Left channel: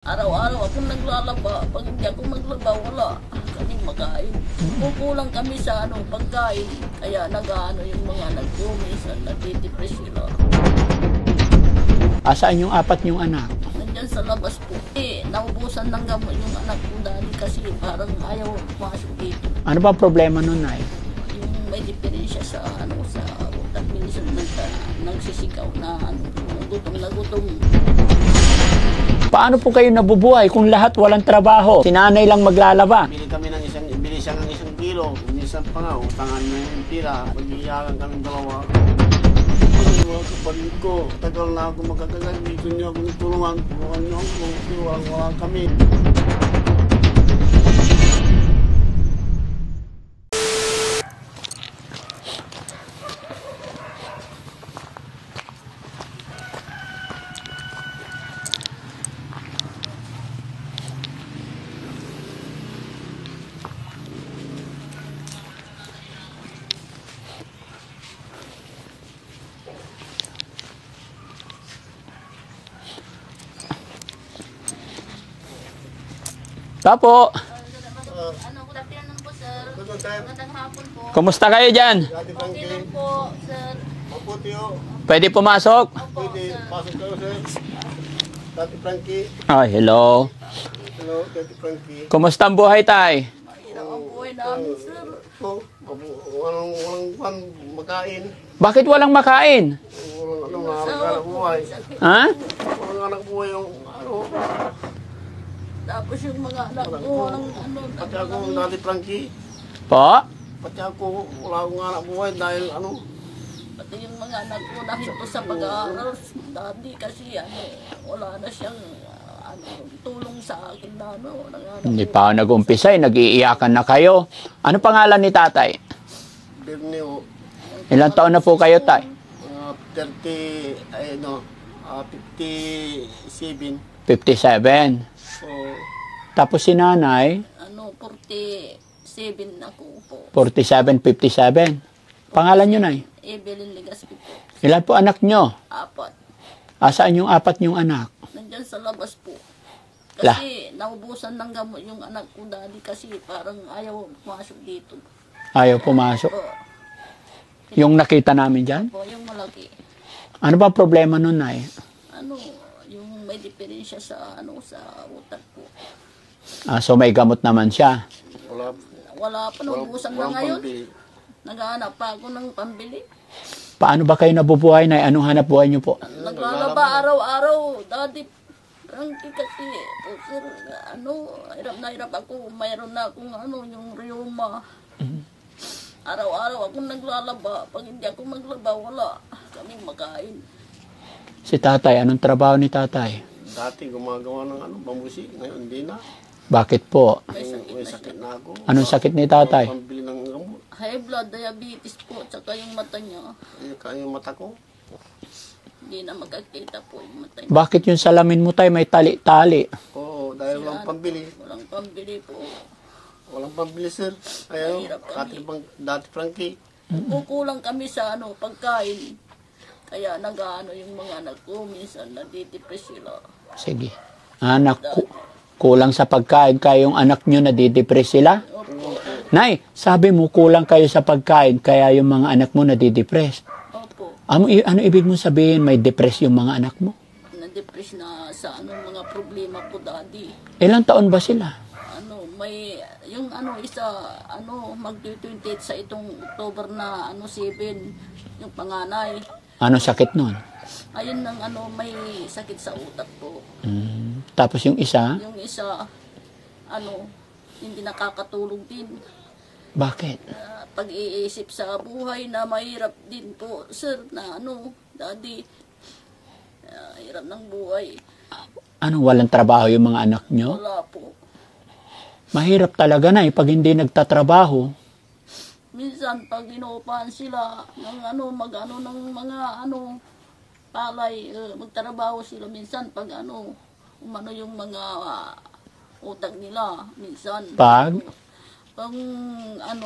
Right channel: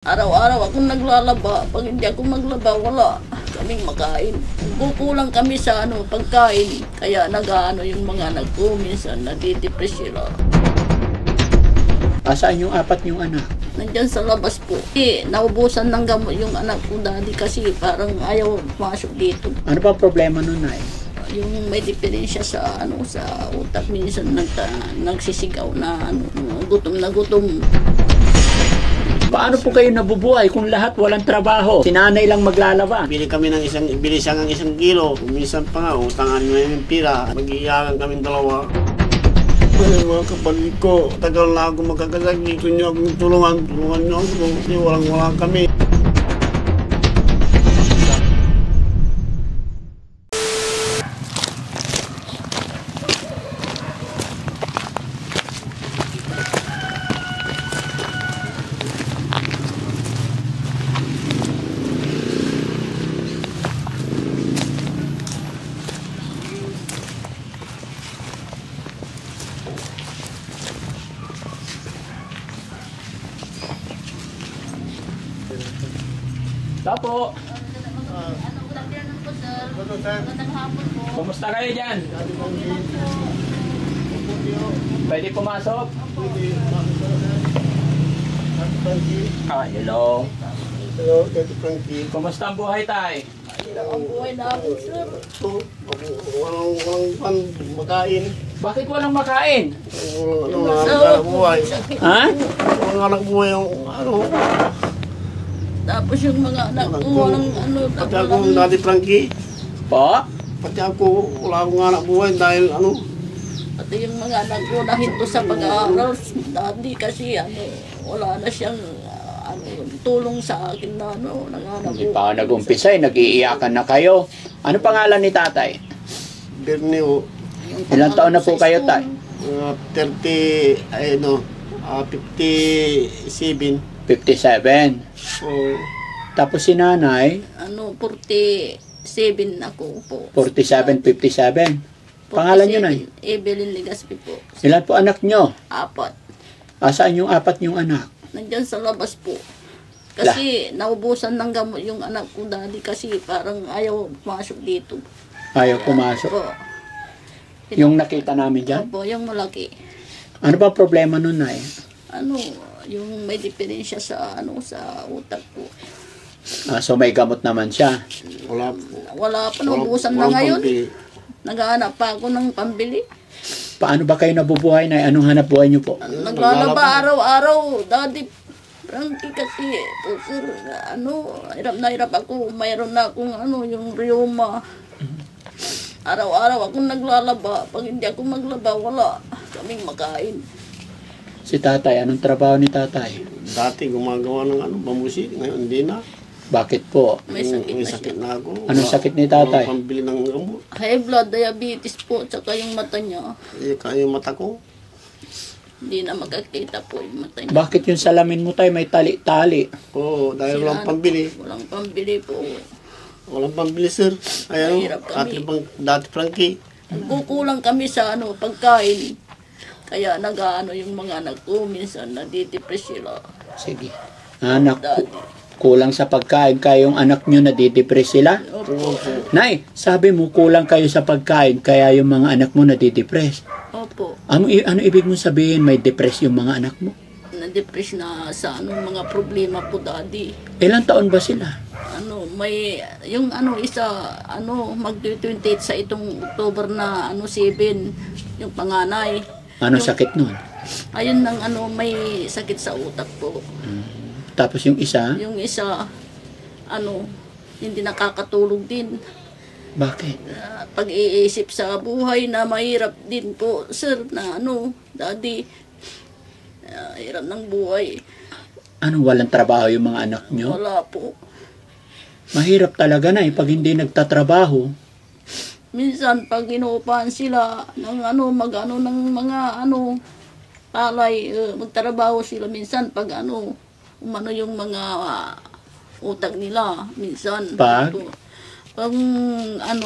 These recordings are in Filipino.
Araw-araw akong naglalaba. Pag hindi ako maglaba, wala kaming makain. Kukulang kami sa pagkain. Kaya yung mga anak ko, minsan nadidepress sila. Asaan yung apat niyong anak? Nandyan sa labas po. Naubusan ng gamot yung anak ko dati kasi parang ayaw masok dito. Ano ba problema nun, Nay? Yung may diferensya sa sa utak, minsan nagsisigaw na gutom na gutom. Paano po kayo nabubuhay kung lahat walang trabaho? Si nanay lang maglalaba. Bili kami ng bili siya ng 1 kilo. Minsan pa nga, utangan na yung pira. Mag-iiyakan kami dalawa. Mga kapatid ko, tagal na ako magkakasakit. Gusto niyo akong tulungan niyo ako. Kasi walang kami. Tapo, kumusta kayo dyan? Pwede pumasok? Oh, hello. Kumusta ang buhay, tay? Ang buhay namin, sir. Walang makain. Bakit walang makain? Anak buhay. Ha? Walang anak buhay yung Tapos yung mga anak ko, walang Pati ako dati Frankie. Po? Pati ako, wala akong anak buhay dahil Pati yung mga anak ko nahinto sa pag-aaral. Dati kasi wala na siyang tulong sa akin na nanganak Hindi ko. pa ako nag-umpisa, nag-iiyakan na kayo. Ano pangalan ni tatay? Berneo. Ilang taon na po kayo, tay? Mga 57. 57. Oh, Tapos si nanay, 47 ako po. 47, 57. Pangalan niyo, nay? Evelyn Legaspi po. Ilan po anak niyo? 4. Asaan yung apat niyong anak? Nandyan sa labas po. Kasi naubusan ng gamot yung anak ko dati kasi parang ayaw masok dito. Ayaw pumasok. Po. Yung nakita namin dyan? Po, yung malaki. Ano ba problema nun, nay? Yung may diferensya sa sa utak ko. So may gamot naman siya. wala Wala pa, naubusan na ngayon. Naghahanap pa ako ng pambili. Paano ba kayo nabubuhay, nay? Anong hanap buhay niyo po? Naglalaba araw-araw. Daddy Frankie kasi, sir, hirap na hirap ako. Mayroon na akong yung rheuma. Araw-araw akong naglalaba. Pag hindi ako maglaba, wala kaming makain. Si tatay, anong trabaho ni tatay? Dati gumagawa ng pamusik, ngayon hindi na. Bakit po? May sakit May na siya. sakit na ako. Anong sakit ni tatay? Walang pambili ng gamot. High blood, diabetes po, tsaka yung mata niya. Kaya yung mata ko. Hindi na magkakita po yung mata niya. Bakit yung salamin mo, tay, may tali-tali? Oo, dahil walang pambili. Walang pambili po. Walang pambili, sir. Ayan, Mahirap kami. dati Frankie. Kukulang kami sa pagkain. Kaya yung mga anak ko, minsan nadidepress sila. Sige. Anak, Dati. kulang sa pagkain, kayong anak nyo nadidepress sila? Opo. Nay, sabi mo kulang kayo sa pagkain, kaya yung mga anak mo nadidepress. Opo. Ano ibig mong sabihin may depress yung mga anak mo? Na-depress na sa mga problema po daddy. Ilang taon ba sila? May yung isa mag-28 sa itong October na 7 yung panganay. Anong sakit nun? Ayun nang may sakit sa utak po. Tapos yung isa? Yung isa hindi nakakatulog din. Bakit? Pag-iisip sa buhay na mahirap din po, sir, na daddy, hirap ng buhay. Anong walang trabaho yung mga anak nyo? Wala po. Mahirap talaga na pag hindi nagtatrabaho. Minsan pag inuupahan sila ng ng mga palay, magtrabaho sila minsan pag yung mga utak nila minsan. Pag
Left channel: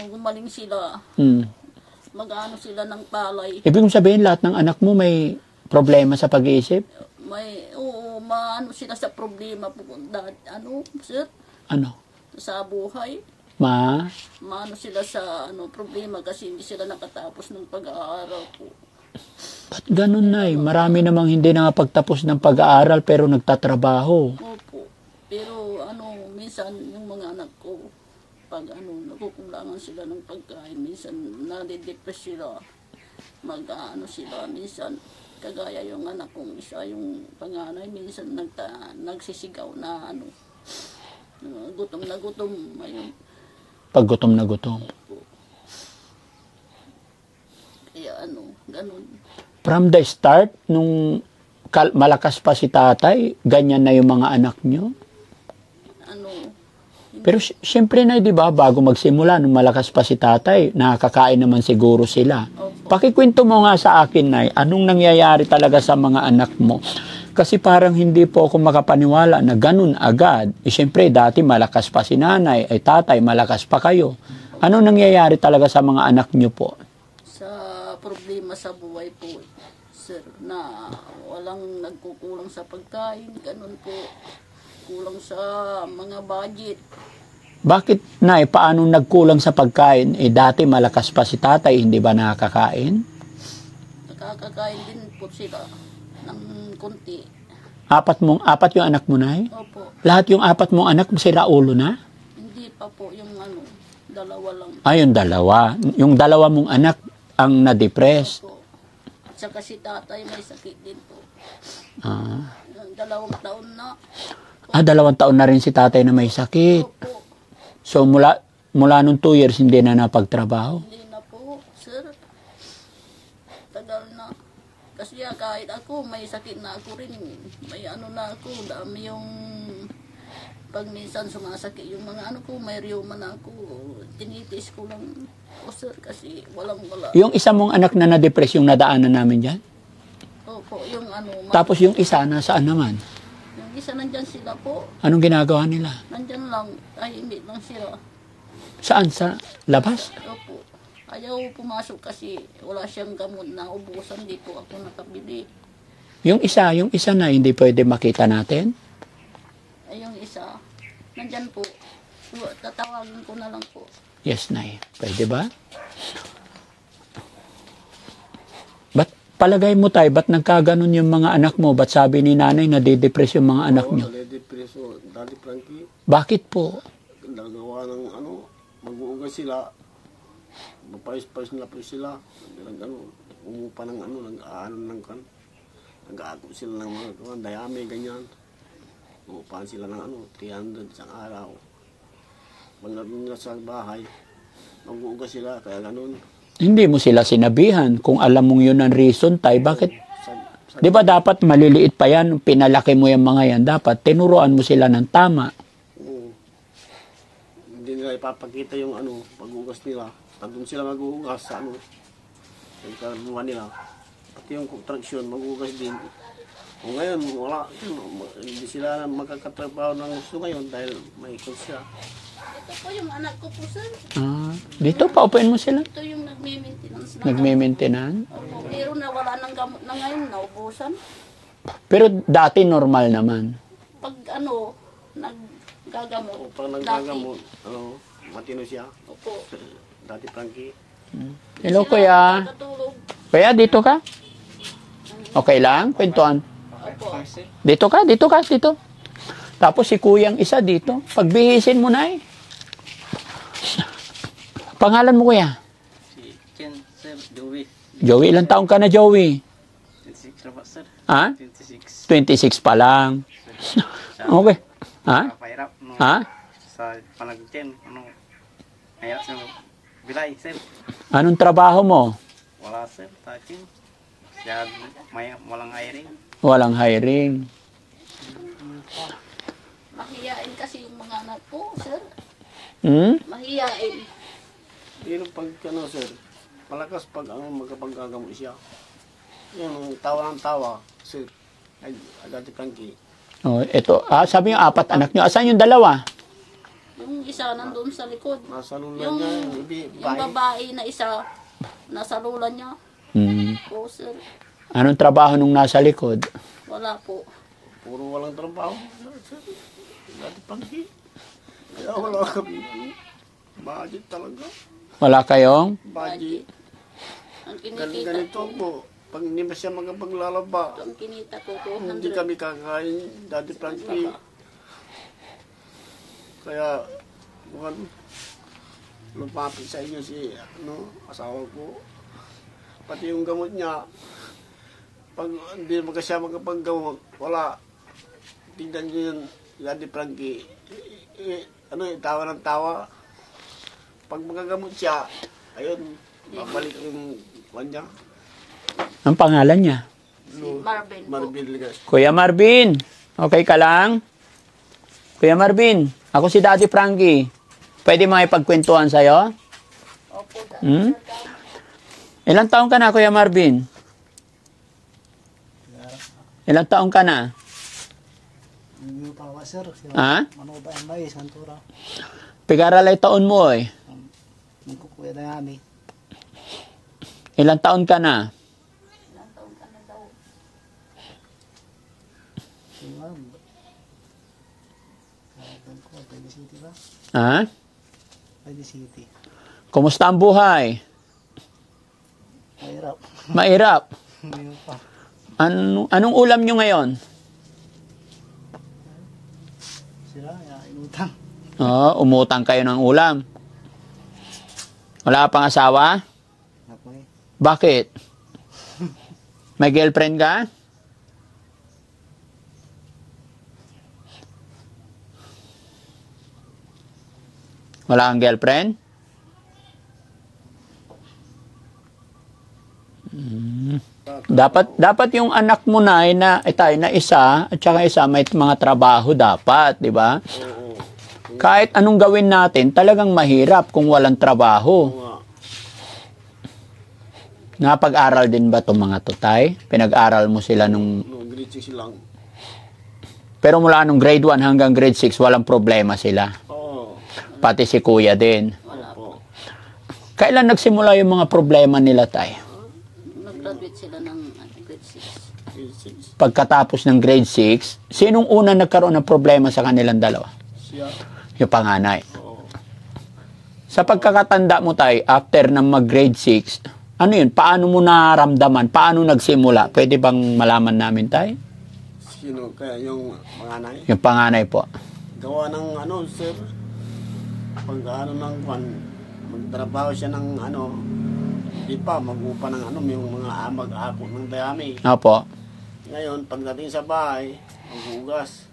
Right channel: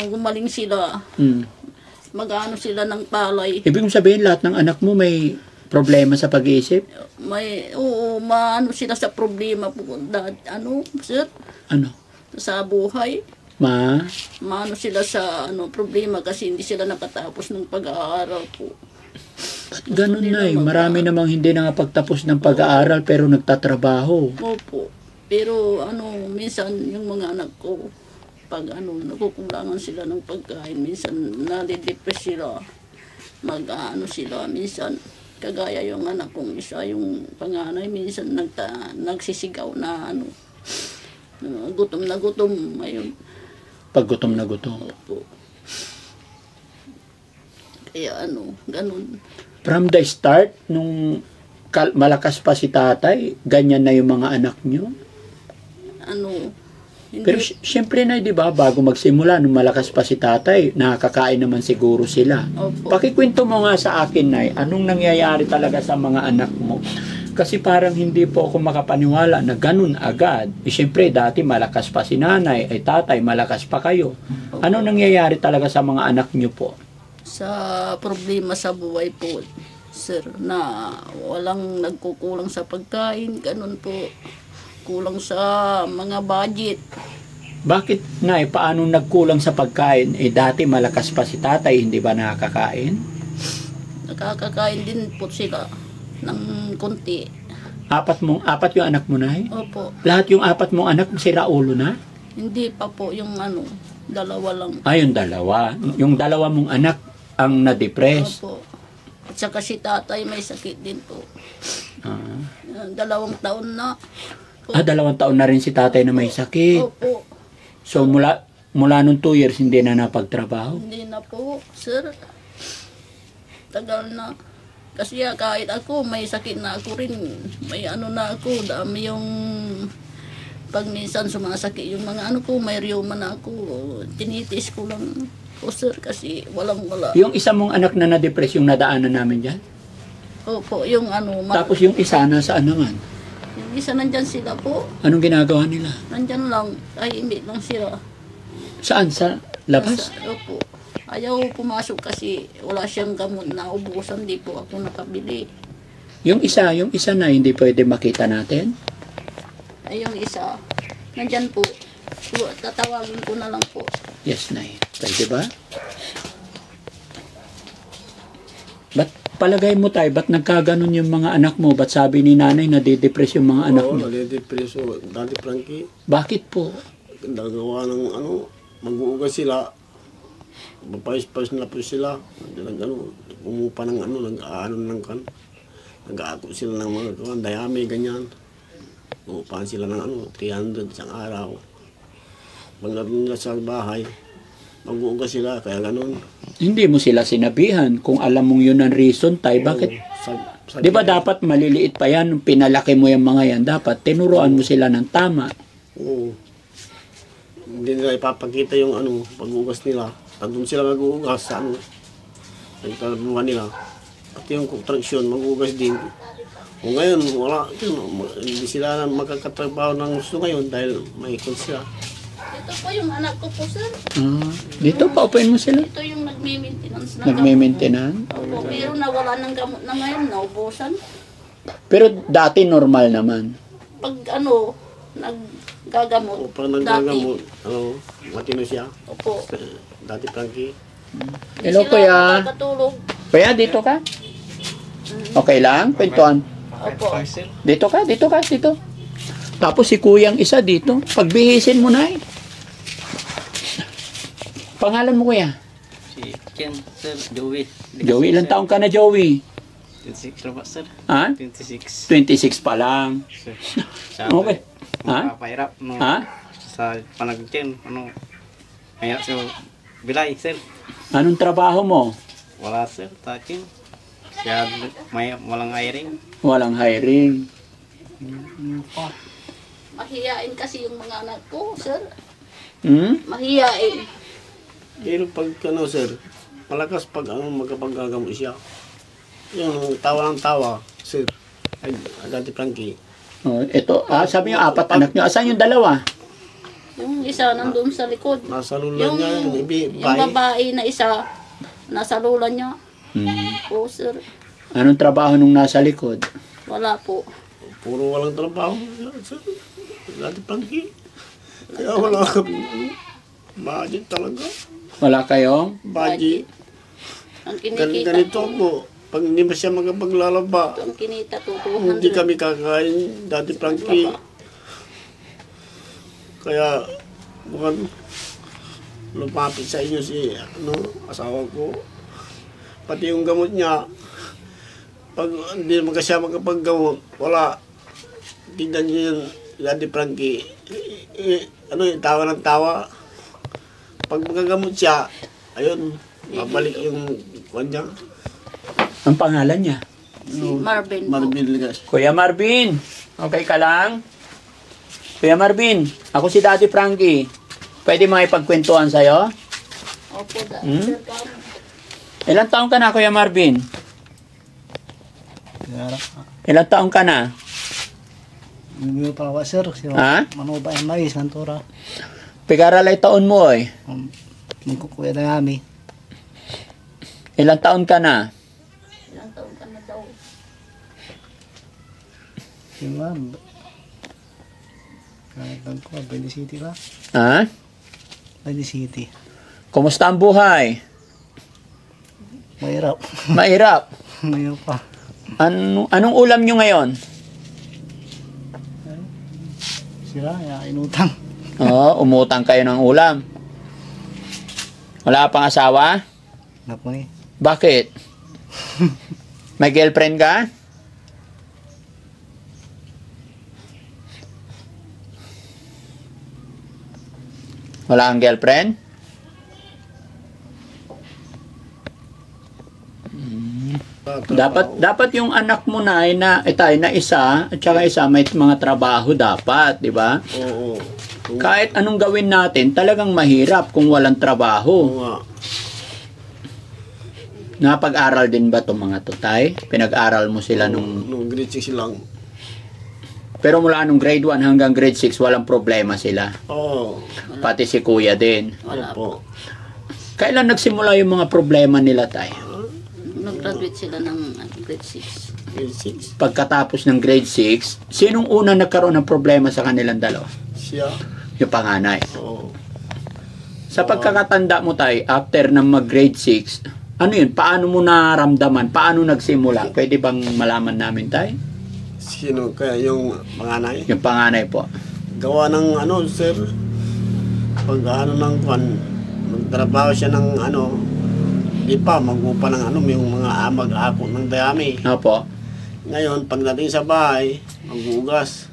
Gumaling sila, sila ng palay. Ibig mong sabihin lahat ng anak mo may Problema sa pag-iisip? Oo, maano sila sa problema po, sir, Ano? sa buhay. Maano sila sa problema kasi hindi sila nakatapos ng pag-aaral po. Ba't ganun na Marami namang hindi nakapagtapos ng pag-aaral pero nagtatrabaho. Opo. Pero minsan yung mga anak ko, pag nakukulangan sila ng pagkain, minsan nadidepress sila. Sila, minsan kagaya yung anak kong isa, yung panganay, minsan nagsisigaw na gutom na gutom. Ayun. Pag gutom na gutom. Opo. Kaya ganun. From the start, nung malakas pa si tatay, ganyan na yung mga anak nyo? Hindi. Pero siyempre na, di ba, bago magsimula, nung malakas pa si tatay, nakakain naman siguro sila. Opo. Pakikwento mo nga sa akin, Nay, anong nangyayari talaga sa mga anak mo? Kasi parang hindi po ako makapaniwala na ganun agad. Siyempre, dati malakas pa si nanay, ay tatay, malakas pa kayo. Ano nangyayari talaga sa mga anak nyo po? Sa problema sa buhay po, sir, na walang nagkukulang sa pagkain, ganun po. Kulang sa mga budget. Bakit, Nay, paano nagkulang sa pagkain? Dati malakas pa si tatay, hindi ba nakakain? Nakakakain din po sila ng konti. Apat yung anak mo, Nay? Opo. Lahat yung apat mong anak, sila ulo na? Hindi pa po yung dalawa lang. Yung dalawa. Yung dalawa mong anak ang na-depress. Opo. At saka si tatay may sakit din po. 2 taon na. 2 taon na rin si tatay na may sakit. Opo. So mula nung 2 years hindi na napagtrabaho? Hindi na po, sir. Tagal na. Kasi kahit ako, may sakit na ako rin. May na ako, dami yung pag minsan sumasakit yung mga ko, may rheuma na ako. Tinitis ko lang po, sir, kasi wala. Yung isa mong anak na na-depress yung nadaanan namin dyan? Opo, yung Tapos yung isa, nasaan naman? Yung isa nandyan sila po. Anong ginagawa nila? Nandyan lang, ay hindi lang sila. Saan? Sa labas? Opo. Ayaw pumasok kasi wala siyang gamot na ubusan, di po ako nakabili. Yung isa na hindi pwede makita natin? Ay, yung isa, nandyan po. Tatawagin ko na lang po. Yes, Nay. Di ba? Ba't palagay mo tayo, ba't nagkaganon yung mga anak mo? Ba't sabi ni nanay na didepress yung mga anak nyo? Oo, nadidepress. Dati, Frankie, Bakit po? nagawa ng mag-uugas sila. Mapayos-payos na po sila. Umupa ng nag-aako sila ng mga dayami, ganyan. Umupahan sila ng 300 isang araw. Pagdating nila sa bahay, mag-uugas sila, kaya ganun. Hindi mo sila sinabihan. Kung alam mong yun ang reason, tay, bakit? Di ba dapat maliliit pa yan, pinalaki mo yung mga yan, dapat tinuruan mo sila ng tama. Oo. Hindi nila ipapakita yung pag-uugas nila. Pag doon sila mag-uugas sa nagkaruhan nila. Pati yung construction, mag-uugas din. O ngayon, wala. Hindi sila na magkakatrabaho ng gusto ngayon dahil may ikon sila. Ito po yung anak ko po, sir. Dito, paupuin mo sila. Ito yung nagme-maintenance ng Nagme-maintenance? Opo, pero nawala ng gamot na ngayon, naubusan. Pero dati normal naman. Pag naggagamot. O pag nagagamot, matino siya. Opo. Dati, Frankie. Hello, Sila kuya. nakakatulog. Kuya, dito ka? Okay lang? Kwentuhan. Opo. Dito ka. Tapos si kuyang isa dito. Pagbingisin mo na Pangalan mo, kuya? Si Ken, sir, Joey. Joey, ilang taong ka na, Joey? 26 na ba, sir? Ha? 26. 26 pa lang. Sir. Okay. Ha? Napahirap. Ha? Sa panag-Ken, mahirap sa bilay, sir. Anong trabaho mo? Wala, sir, takin. Kaya walang hiring. Walang hiring. Mahiyain kasi yung mga anak ko, sir. Mahiyain. Pero pag sir, malakas pag magkapaggagamot siya. Yung tawa ng tawa, sir. Ay, Agante Frankie. Ito. Sabi yung 4 anak nyo. Asan yung 2? Yung isa nandun sa likod. Nasa lula Yung, niya, yung babae na isa, nasa lula niya. Oo, sir. Anong trabaho nung nasa likod? Wala po. Puro walang trabaho. Dati pangki. Kaya wala kami, budget talaga. Wala kayong? Budget. Ang kinikita Ganito ko, po. Pag hindi pa siya magpaglalaba, ang kinita ko, hindi 200. kami kakain. Dati pangki. Kaya, bukan lumapit sa inyo si asawa ko. Pati yung gamot niya, pag hindi naman siya magkapaggamot, wala. Tignan niyo yung Daddy Frankie. Tawa ng tawa. Pag magagamot siya, ayun, babalik yung kanya. Ang pangalan niya? Si Marvin po. Marvin Ligas. Kuya Marvin, okay ka lang? Kuya Marvin, ako si Daddy Frankie. Pwede makipagkwentuhan sa'yo? Opo, Hmm? Ilang taong ka na, Kuya Marvin? Ilang taong ka na? Hindi pa ako, sir. Ha? Manoba ang mais, kantora. Pigaralay taon mo eh. Magkukuya na kami. Ilang taon ka na? Ilang taon ka na daw. Si ma'am. Kahit ko, Bali City ba? Ha? Bali City. Kumusta ang buhay? Mahirap. Mahirap. Mahirap pa. Anong ulam nyo ngayon? Sila, inutang. Oo, umutang kayo ng ulam. Wala pang asawa? Naku eh. Bakit? May girlfriend ka? Wala kang girlfriend? Dapat yung anak mo na ay na isa at saka isa may mga trabaho dapat, di ba? Oo. Kahit anong gawin natin, talagang mahirap kung walang trabaho. Oo nga. Napag-aral din ba itong mga tutay? Pinag-aral mo sila nung... Nung grade 6 lang. Pero mula nung grade 1 hanggang grade 6, walang problema sila. Oo. Pati si kuya din. Wala po. Opo. Kailan nagsimula yung mga problema nila, tay? Nag-graduate sila ng grade 6. Grade 6. Pagkatapos ng grade 6, sinong una nagkaroon ng problema sa kanilang dalawa? Siya. Yung panganay. Oo. Sa pagkakatanda mo, tay, after ng mag-grade 6, ano yun? Paano mo naramdaman? Paano nagsimula? Pwede bang malaman namin, tay? Sino kaya yung panganay? Yung panganay po. Gawa ng sir. Pag ng kwan, magtrabaho siya ng di pa, mag-upa ng yung mga mag-ako ng dayami. Opo. Ngayon, pagdating sa bahay, maghugas.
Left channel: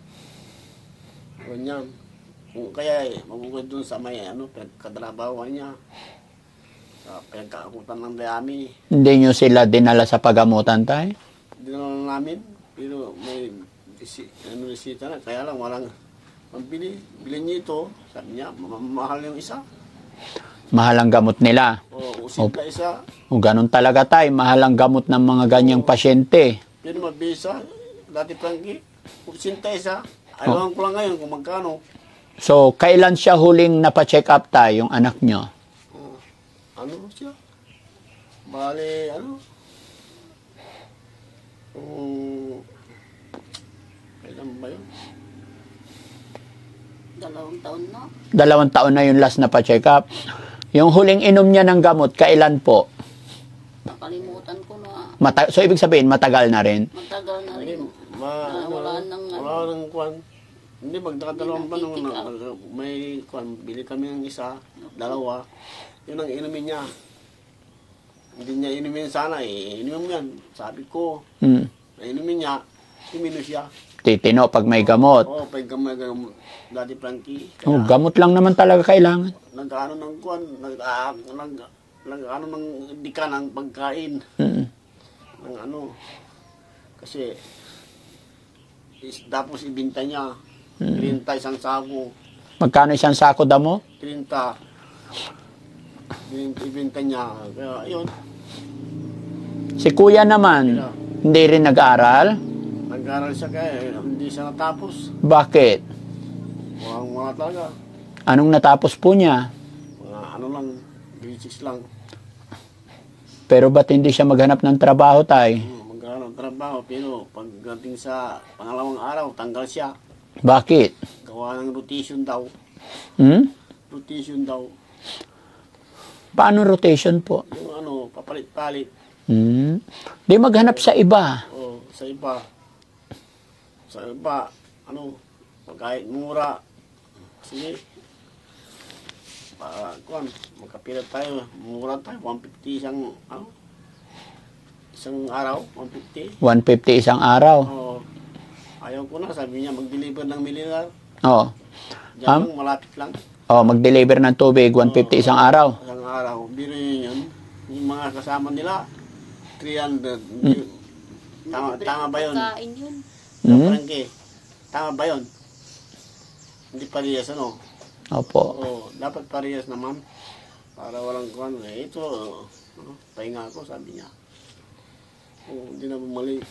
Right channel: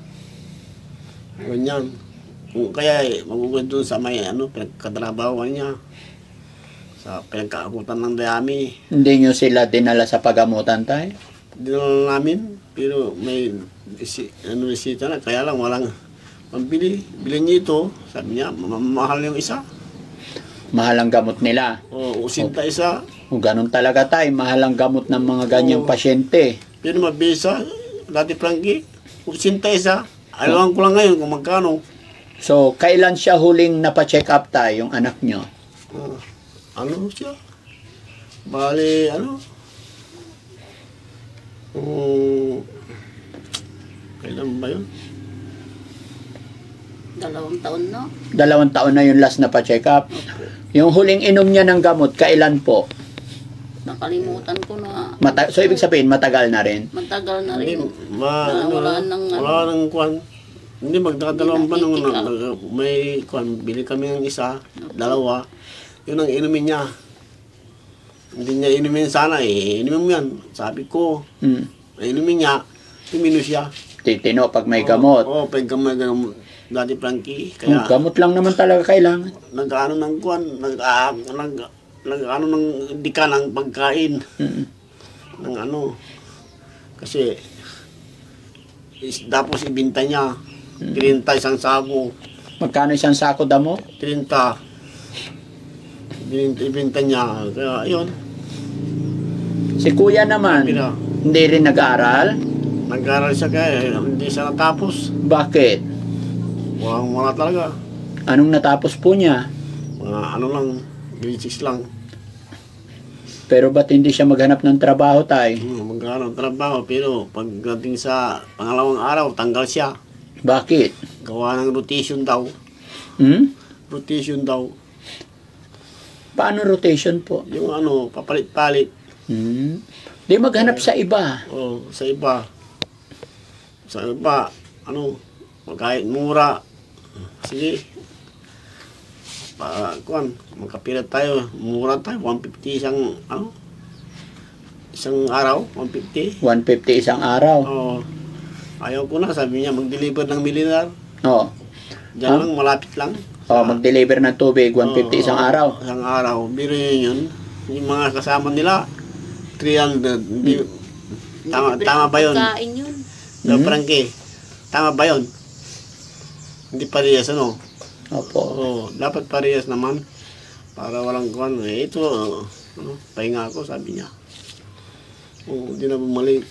Ganyan. Kaya maghugas doon sa may pinagkatrabahoan niya. Sa pinagkaakutan ng dayami. Hindi nyo sila dinala sa pagamutan, tay? Dinala namin, pero may resita na, kaya lang walang pambili. Bilhin niya ito, sabi niya, mahal yung isa. Mahal ang gamot nila. O usinta isa. O ganun talaga, tay. Mahal ang gamot ng mga ganyang pasyente. Pero mabisa, dati Frankie, usinta isa. Alam ko lang ngayon kung magkano. So, kailan siya huling napacheck up, tay, yung anak nyo? Ano siya? Bali, kailan ba yun? 2 taon na. 2 taon na yung last na pa-check up. Yung huling inom niya ng gamot, kailan po? Nakalimutan ko na. So, ibig sabihin, matagal na rin. Matagal na Hindi, rin. wala nang kwan. Hindi, magdadalawang pa nung may kwan, bili kami ng isa, dalawa. Yun ang inumin niya. Hindi niya inumin sana inumin mo yan. Sabi ko, inumin niya, imino siya. Titino pag may gamot. Oo, pag may gamot. Dati Frankie, Oh, kaya gamot lang naman talaga kailangan. nag-ano ng kwan, nag-ano ng dika ng pagkain. Ng kasi tapos ibinta niya. 30 isang sako. Magkano isang sako damo? 30. Ibinta niya. Kaya ayun, Si kuya naman, Pira. hindi rin nag-aaral? nag-aral siya kaya hindi siya natapos. Bakit? Wala talaga. Anong natapos po niya? Mga lang, grade 6 lang. Pero ba't hindi siya maghanap ng trabaho, tay? Magkano trabaho, pero pagdating sa pangalawang araw, tanggal siya. Bakit? Gawa ng rotation daw. Hmm? Rotation daw. Paano rotation po? Yung ano, papalit-palit. Hmm? Di maghanap sa iba. Oh, sa iba. Sa iba, ano, kahit mura. Sige. Magkapilat tayo. Mura tayo. 150 isang araw. 150. 150 isang araw. Oh, ayaw ko na. Sabi niya, mag-deliver ng militar. Oo. Diyan lang, malapit lang. Oh, mag-deliver ng tubig, 150 isang araw. Isang araw. Biro yun. Yung mga kasama nila, 300. Tama ba yun? Kain yun. Frankie, tama ba yun? Hindi parehas, ano? Opo. Oo, dapat parehas naman. Para walang kuwan. Ito, pahinga ako, sabi niya. Oo, hindi na bumalik.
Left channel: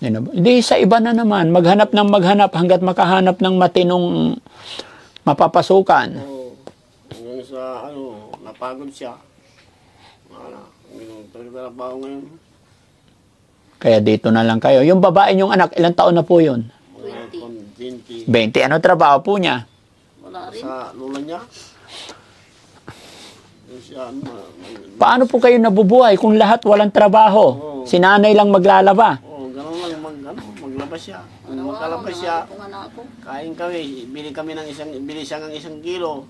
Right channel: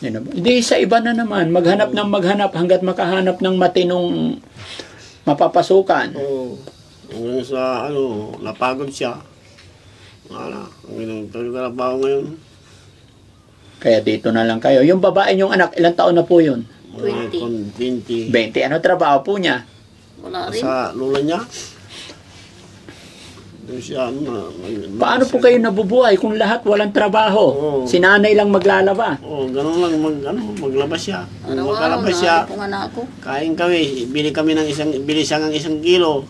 Hindi, sa iba na naman. Maghanap ng maghanap hanggat makahanap ng matinong mapapasukan. Oo. Hanggang sa, napagod siya. Wala. Ang trabaho ngayon. Kaya dito na lang kayo. Yung babae niyong anak, ilang taon na po yun? 20. 20. Ano trabaho po niya? Wala rin. Sa lula niya. Doon siya, Paano po kayo nabubuhay kung lahat walang trabaho? Oo. Si nanay lang maglalaba. Ganun lang, maglabas siya. Kung Araw-araw maglalabas na siya, ako nga na ako. kain kami, bili siya ng 1 kilo.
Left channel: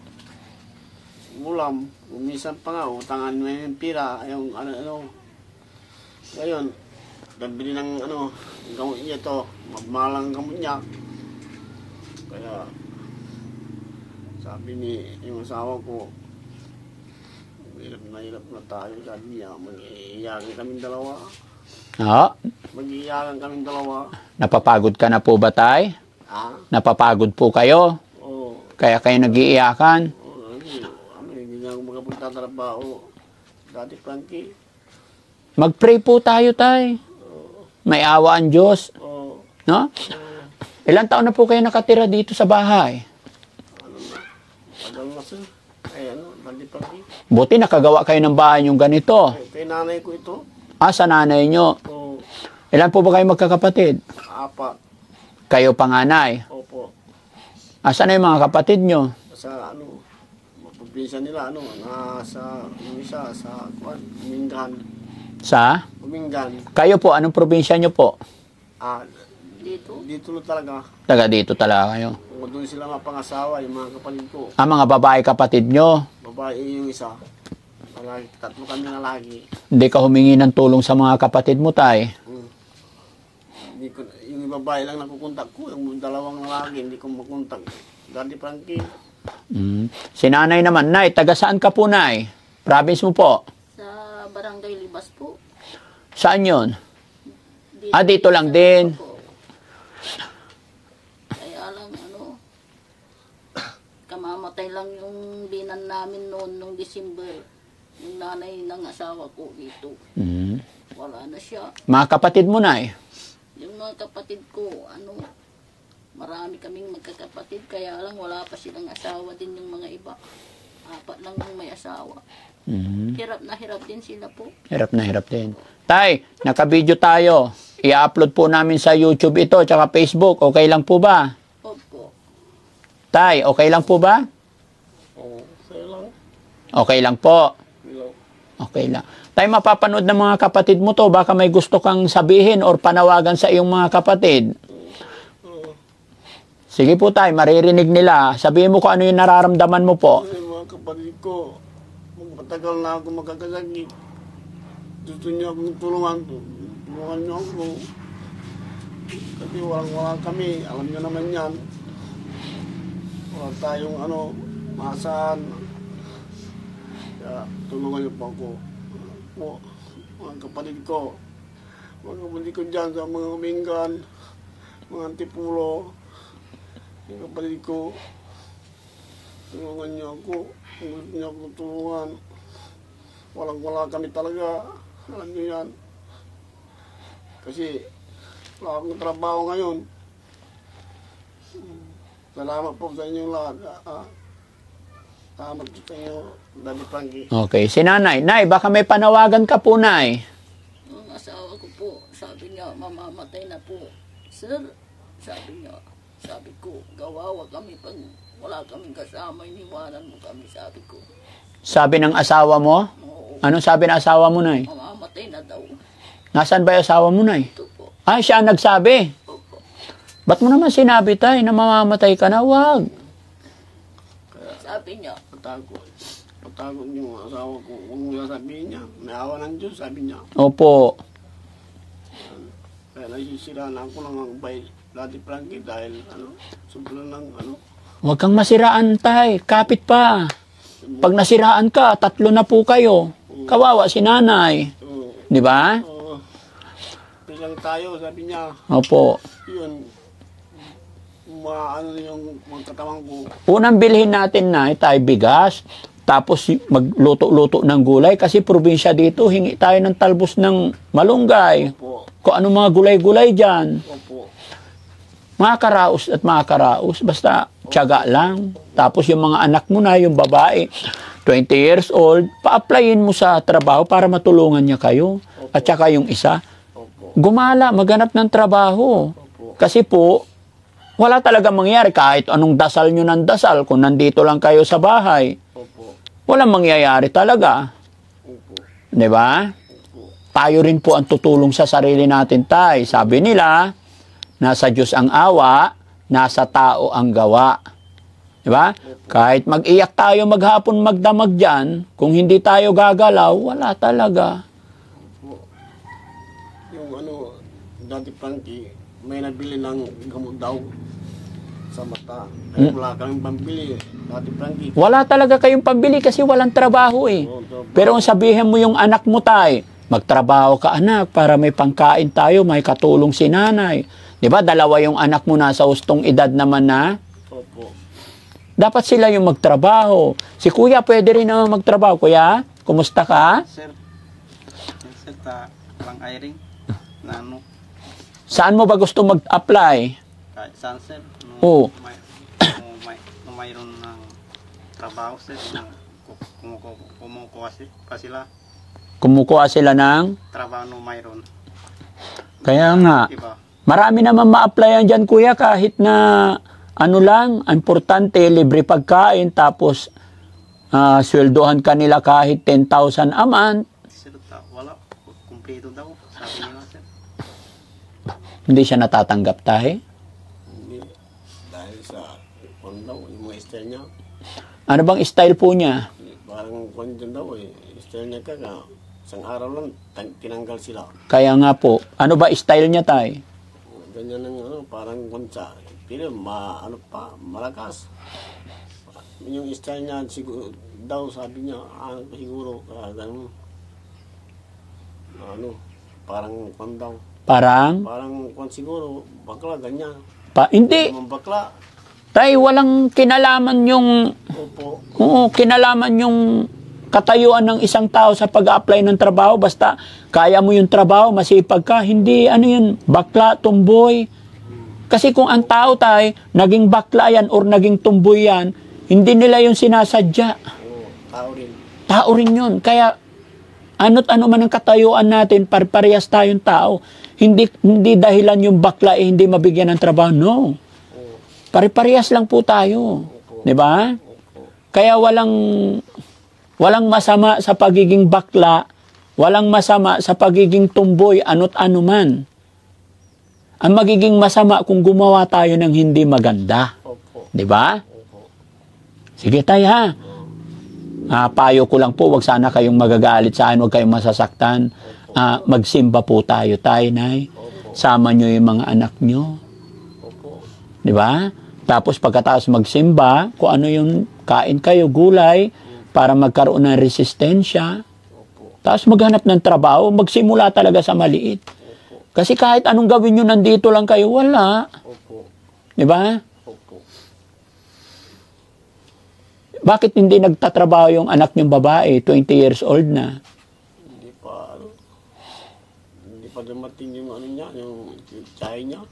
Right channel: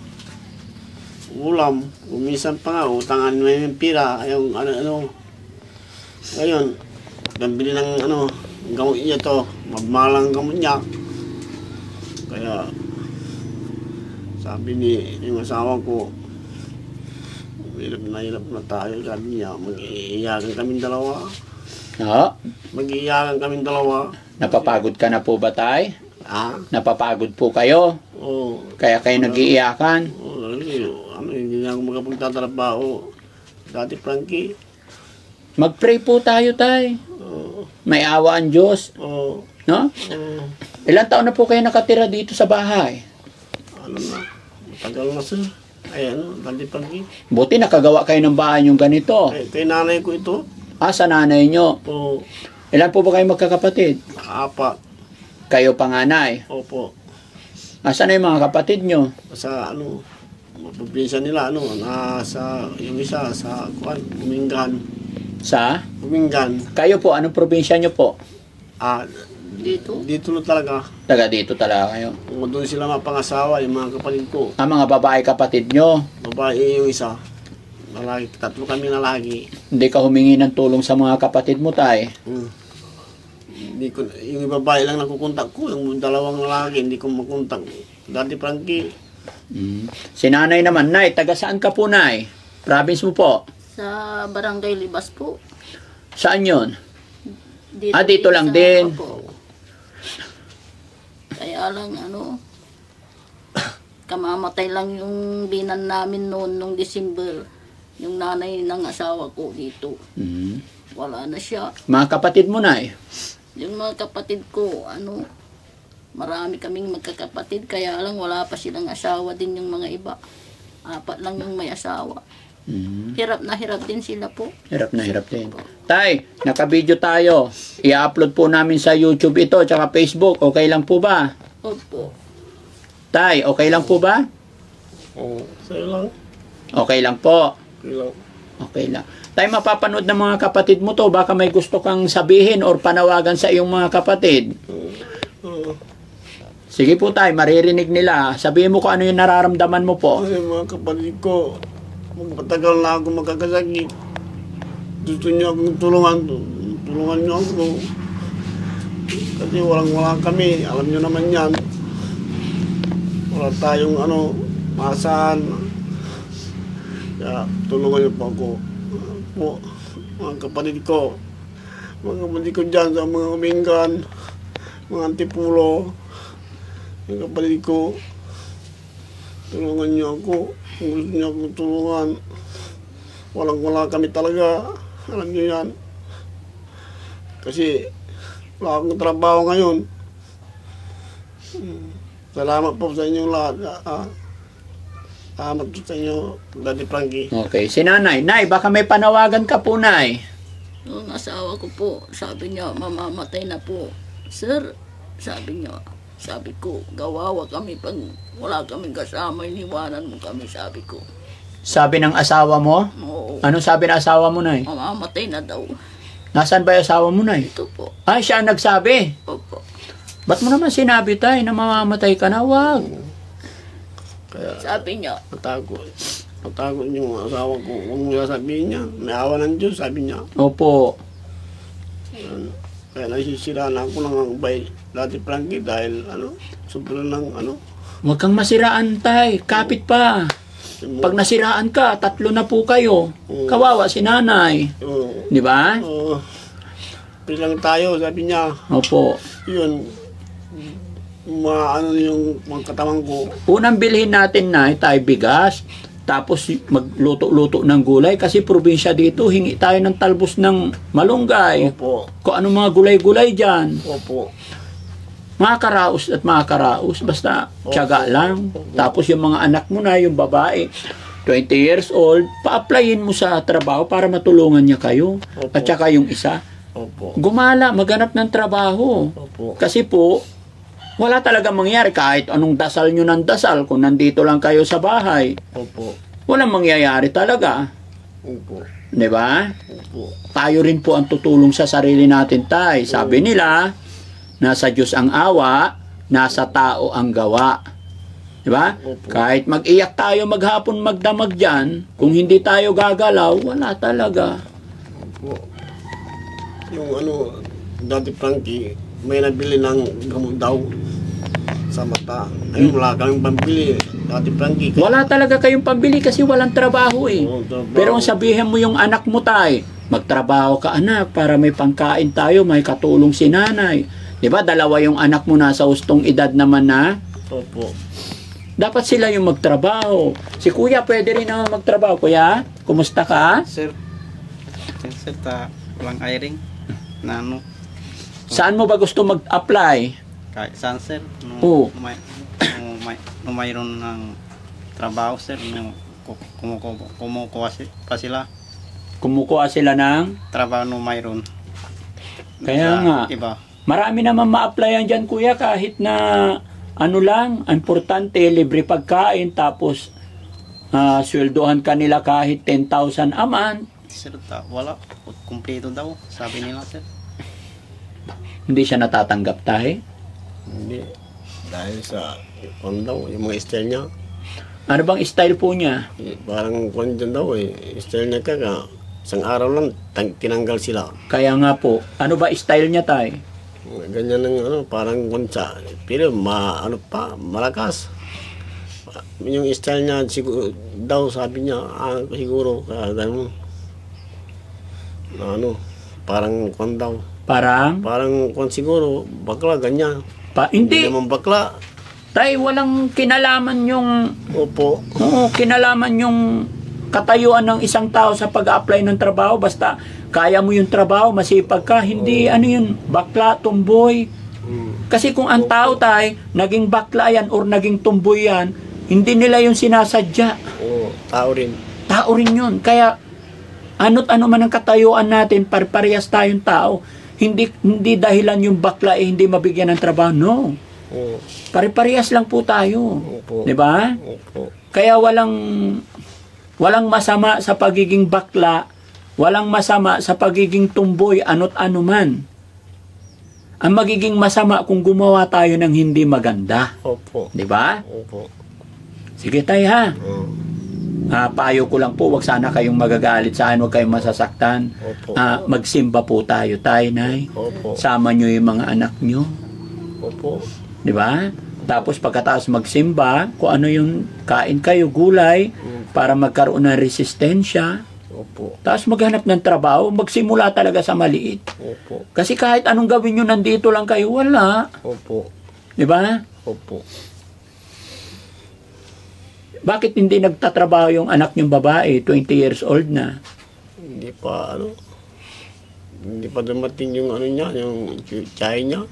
Ulam, minsan pa nga, utangan mo yung pira, yung Ngayon, nabili ng gamot niya to, magmalang gamot niya. Kaya, sabi ni yung asawa ko, hirap na tayo, sabi niya, mag-iiyakan kaming dalawa. Oo. Mag-iiyakan kaming dalawa. Napapagod ka na po ba, tay? Napapagod po kayo? Oo. Kaya kayo nag-iiyakan? Hindi na ako makapagtatrabaho. Dati, Frankie. Mag-pray po tayo, tay. May awa ang Diyos. Oo. No? Ilang taon na po kayo nakatira dito sa bahay? Tagal na, sir. Dati, Frankie. Buti nakagawa kayo ng bahay yung ganito. Kay nanay ko ito. Sa nanay nyo. Oo. Ilan po ba kayo magkakapatid? 4. Kayo panganay. Opo. Asan na yung mga kapatid nyo? Sa probinsya nila, yung isa, sa Umingan. Sa? Umingan. Kayo po, anong probinsya nyo po? Dito. Dito na talaga. Taga dito talaga kayo. Doon sila mapangasawa, yung mga kapatid ko. Mga babae kapatid nyo. Babae yung isa. Lalaki, 3 kami na lagi. Hindi ka humingi ng tulong sa mga kapatid mo, tay? Yung babae lang nakukontak ko, yung 2 lalaki, hindi ko makontak. Dati, Frankie. Si nanay naman, nay, taga saan ka po, nay? Province mo po? Sa Barangay Libas po. Saan yun? Dito lang din. Opo. Kaya lang, kamamatay lang yung binan namin noon, nung December. Yung nanay ng asawa ko dito. Wala na siya. Mga kapatid mo, nay? Yung mga kapatid ko, marami kaming magkakapatid, kaya lang wala pa silang asawa din yung mga iba. 4 lang yung may asawa. Hirap na hirap din sila po. Hirap na hirap din. Tay, naka-video tayo. I-upload po namin sa YouTube ito, tsaka Facebook. Okay lang po ba? Opo. Tay, okay lang po ba? Oo. Sa'yo lang. Okay lang po. Okay lang. Okay lang. Tay, mapapanood ng mga kapatid mo to. Baka may gusto kang sabihin or panawagan sa iyong mga kapatid. Sige po, tay, maririnig nila. Sabihin mo kung ano yung nararamdaman mo po. Kasi mga kapatid ko, magpatagal na ako magkakasakit. Gusto niyo akong tulungan. Tulungan niyo ako. Kasi walang-wala kami. Alam niyo naman yan. Wala tayong maasahan. Kaya tulungan niyo po ako. Mga kapatid ko. Mga kapatid ko dyan sa mga Umingan. Mga Antipulo. Mga kapatid ko. Tulungan niyo ako. Kung gusto niyo akong tulungan. Walang-wala kami talaga. Alam niyo yan. Kasi wala akong trabaho ngayon. Salamat po sa inyong lahat. Salamat po sa inyo, Daddy Frankie. Okay, si nanay. Nay, baka may panawagan ka po, nay. Yung asawa ko po, sabi niya, mamamatay na po. Sir, sabi niya, sabi ko, gawawa kami pag wala kaming kasama, iniwanan mo kami, sabi ko. Sabi ng asawa mo? Oo, Anong sabi ng asawa mo, nay? mamamatay na daw. Nasaan ba yung asawa mo, nay? Ito po. Ay, siya ang nagsabi. Opo. Ba't mo naman sinabi, tay, na mamamatay ka na? Wag. Sabi niya, Matakot yung asawa ko. Huwag mo sabihin niya. May awa ng Diyos, sabi niya. Opo. Kaya nasisiraan ako ng bay Daddy Frankie dahil sobrang ng Huwag kang masiraan, tay. Kapit pa. Pag nasiraan ka, 3 na po kayo. Kawawa si nanay. Di ba? Pilang tayo, sabi niya. Opo. Yun, yung mga katawan ko. Unang bilhin natin na tayo bigas, tapos magluto-luto ng gulay kasi probinsya dito, hingi tayo ng talbos ng malunggay. Opo. Kung ano mga gulay-gulay dyan. Opo. Makakaraos at makakaraos, basta tiyaga lang. Tapos yung mga anak mo na, yung babae, 20 years old, pa-applyin mo sa trabaho para matulungan niya kayo. Opo. At saka yung isa, Opo. gumala, maghanap ng trabaho. Opo. Kasi po, wala talaga mangyari kahit anong dasal nyo ng dasal kung nandito lang kayo sa bahay. Opo. Walang mangyayari talaga. Opo. Di ba? Opo. Tayo rin po ang tutulong sa sarili natin, tay. Sabi nila, nasa Diyos ang awa, nasa tao ang gawa. Di ba? Kahit mag-iyak tayo maghapon magdamag dyan, kung hindi tayo gagalaw, wala talaga. Opo. Yung Daddy Frankie, may nabili ng gamot daw sa mata. Ay, wala kaming pambili. Daddy Frankie. Wala talaga kayong pambili kasi walang trabaho eh. Oo, trabaho. Pero kung sabihin mo yung anak mo, tay, magtrabaho ka anak para may pangkain tayo, may katulong si nanay. Di ba? 2 yung anak mo nasa hustong edad naman na. Opo. Dapat sila yung magtrabaho. Si kuya pwede rin naman magtrabaho. Kuya, kumusta ka? Sir, walang hiring. Na Saan mo ba gusto mag-apply? kahit saan, sir. Oo. Mayroon ng trabaho, sir. Kumukuha pa sila. Kumukuha sila ng... Trabaho mayroon. Kaya Sa nga. Iba. Marami naman ma-applyan dyan, kuya, kahit na ano lang, importante, libre pagkain, tapos sweldohan ka nila kahit 10,000 a month. Sir, wala. Kumpleto daw, sabi nila, sir. Hindi siya natatanggap, tayo. Hindi. Dahil sa yung mga style niya. Ano bang style po niya? Parang kung dyan daw style niya isang araw lang tinanggal sila. Kaya nga po, ano ba style niya, tay? Ganyan ng parang kunsa. Pero malakas. Yung style niya siguro daw sabi niya siguro ganun. Parang kwan daw. Parang Parang siguro bakla ganyan. hindi. Naman bakla. Tay, walang kinalaman yung Opo. kinalaman yung katayuan ng isang tao sa pag-apply ng trabaho. Basta kaya mo yung trabaho, masipag ka. Hindi, yun, bakla, tumboy. Kasi kung ang tao, tay, naging bakla yan or naging tumboy yan, hindi nila yung sinasadya. Oo, tao rin. Tao rin yun. Kaya, ano't ano man ang katayuan natin, parehas tayong tao. Hindi dahilan yung bakla hindi mabigyan ng trabaho. No. Oo. Pare-parehas lang po tayo. Opo. 'Di ba? Opo. Kaya walang masama sa pagiging bakla, walang masama sa pagiging tumboy, ano't ano man. Ang magiging masama kung gumawa tayo ng hindi maganda. Opo. 'Di ba? Opo. Sige tayo ha. Oo. Payo ko lang po, wag sana kayong magagalit sa akin, wag kayong masasaktan. Opo. Magsimba po tayo, nay. Opo. Sama nyo yung mga anak nyo. Opo. Di ba? Tapos pagkatapos magsimba, kung ano yung kain kayo, gulay, para magkaroon ng resistensya. Opo. Tapos maghanap ng trabaho, magsimula talaga sa maliit. Opo. Kasi kahit anong gawin nyo, nandito lang kayo, wala. Opo. Di ba? Opo. Bakit hindi nagtatrabaho yung anak nyong babae, 20 years old na? Hindi pa dumating yung niya, yung tsay niya.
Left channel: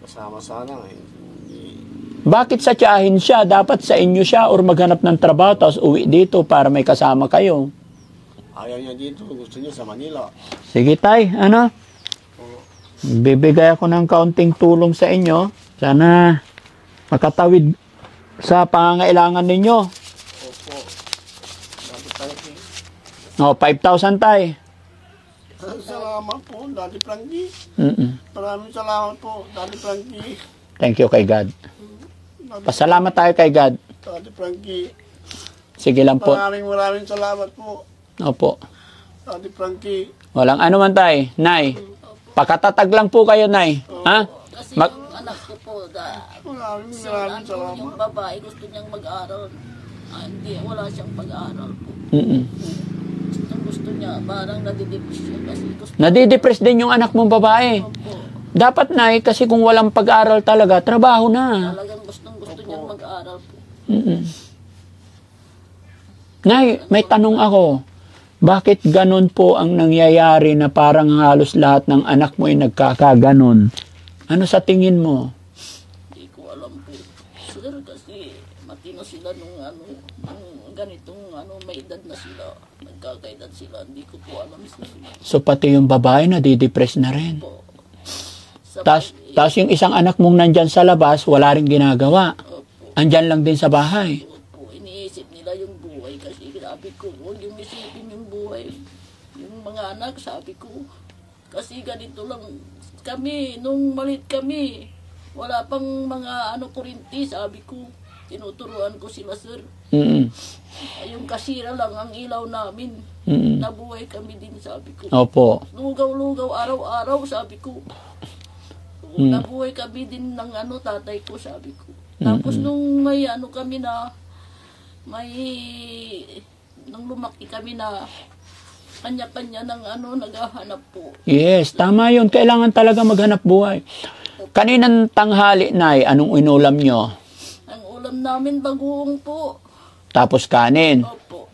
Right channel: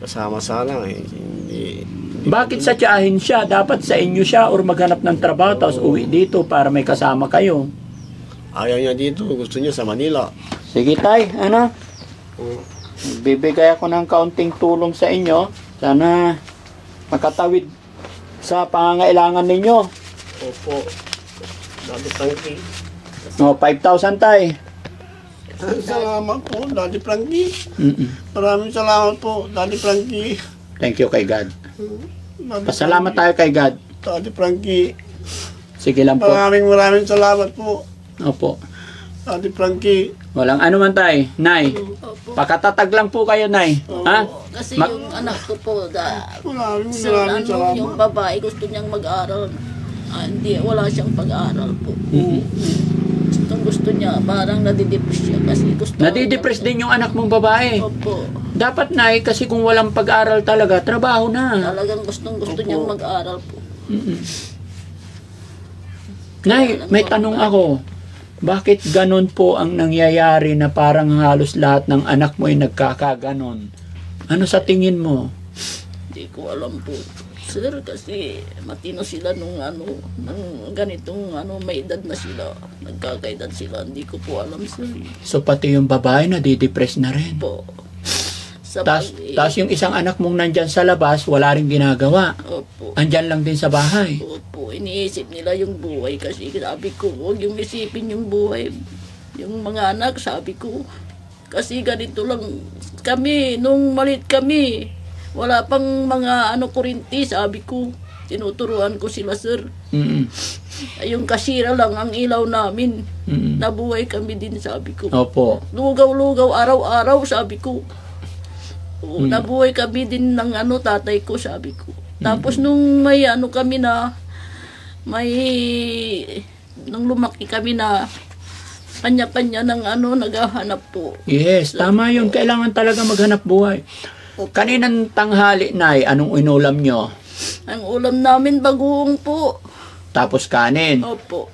Kasama sana hindi Bakit sa tiyahin siya? Dapat sa inyo siya or maghanap ng trabaho tapos uwi dito para may kasama kayo. Ayaw niya dito, gusto niya sa Manila. Sige tay, ano? Bibigay ako ng kaunting tulong sa inyo. Sana makatawid sa pangangailangan ninyo. Opo. Daddy Frankie. O, 5,000 tay. Salamat po, Daddy Frankie. Mm-mm. Maraming salamat po, Daddy Frankie. Thank you kay God. Daddy Pasalamat tayo kay God. Daddy Frankie. Sige lang po. Maraming salamat po, Opo. Daddy Frankie. Walang ano man tay. Nay, pakatatag lang po kayo, Nay. Ha? Kasi Ma- yung anak ko po, Maraming yung salamat. babae gusto niyang mag-aral. Hindi, wala siyang pag-aaral po. Mm-mm. Gusto niya, parang nadidepress siya kasi gusto. Nadidepress din yung anak mong babae. Opo. Dapat, Nay, kasi kung walang pag-aral talaga, trabaho na. Talagang gusto niyang mag-aral po. Mm-mm. Nay, may tanong ako. Bakit ganun po ang nangyayari na parang halos lahat ng anak mo ay nagkakaganon? Ano sa tingin mo? Hindi ko alam po. Sir, kasi matino sila nung ganitong may edad na sila. Nagkakaedad sila. Hindi ko po alam, sir. So pati yung babae nadidepress na rin. Po. Sa Tapos yung isang anak mong nandyan sa labas, wala rin ginagawa. Opo. Andyan lang din sa bahay. Opo. Iniisip nila yung buhay kasi sabi ko, huwag yung isipin yung buhay. Yung mga anak, sabi ko, kasi ganito lang kami, nung malit kami, wala pang mga kurinti, sabi ko, tinuturuan ko sila, sir. Mm-mm. Yung kasira lang ang ilaw namin. Mm-mm. Nabuhay kami din, sabi ko. Opo. Lugaw-lugaw, araw-araw, sabi ko. Nabuhay kami din ng tatay ko, sabi ko. Tapos nung may kami na, nung lumaki kami na, kanya-kanya ng naghahanap po. Yes, tama yun. Kailangan talaga maghanap buhay. Kaninang tanghali, Nay, anong inulam nyo? Ang ulam namin bagoong po. Tapos kanin. Opo.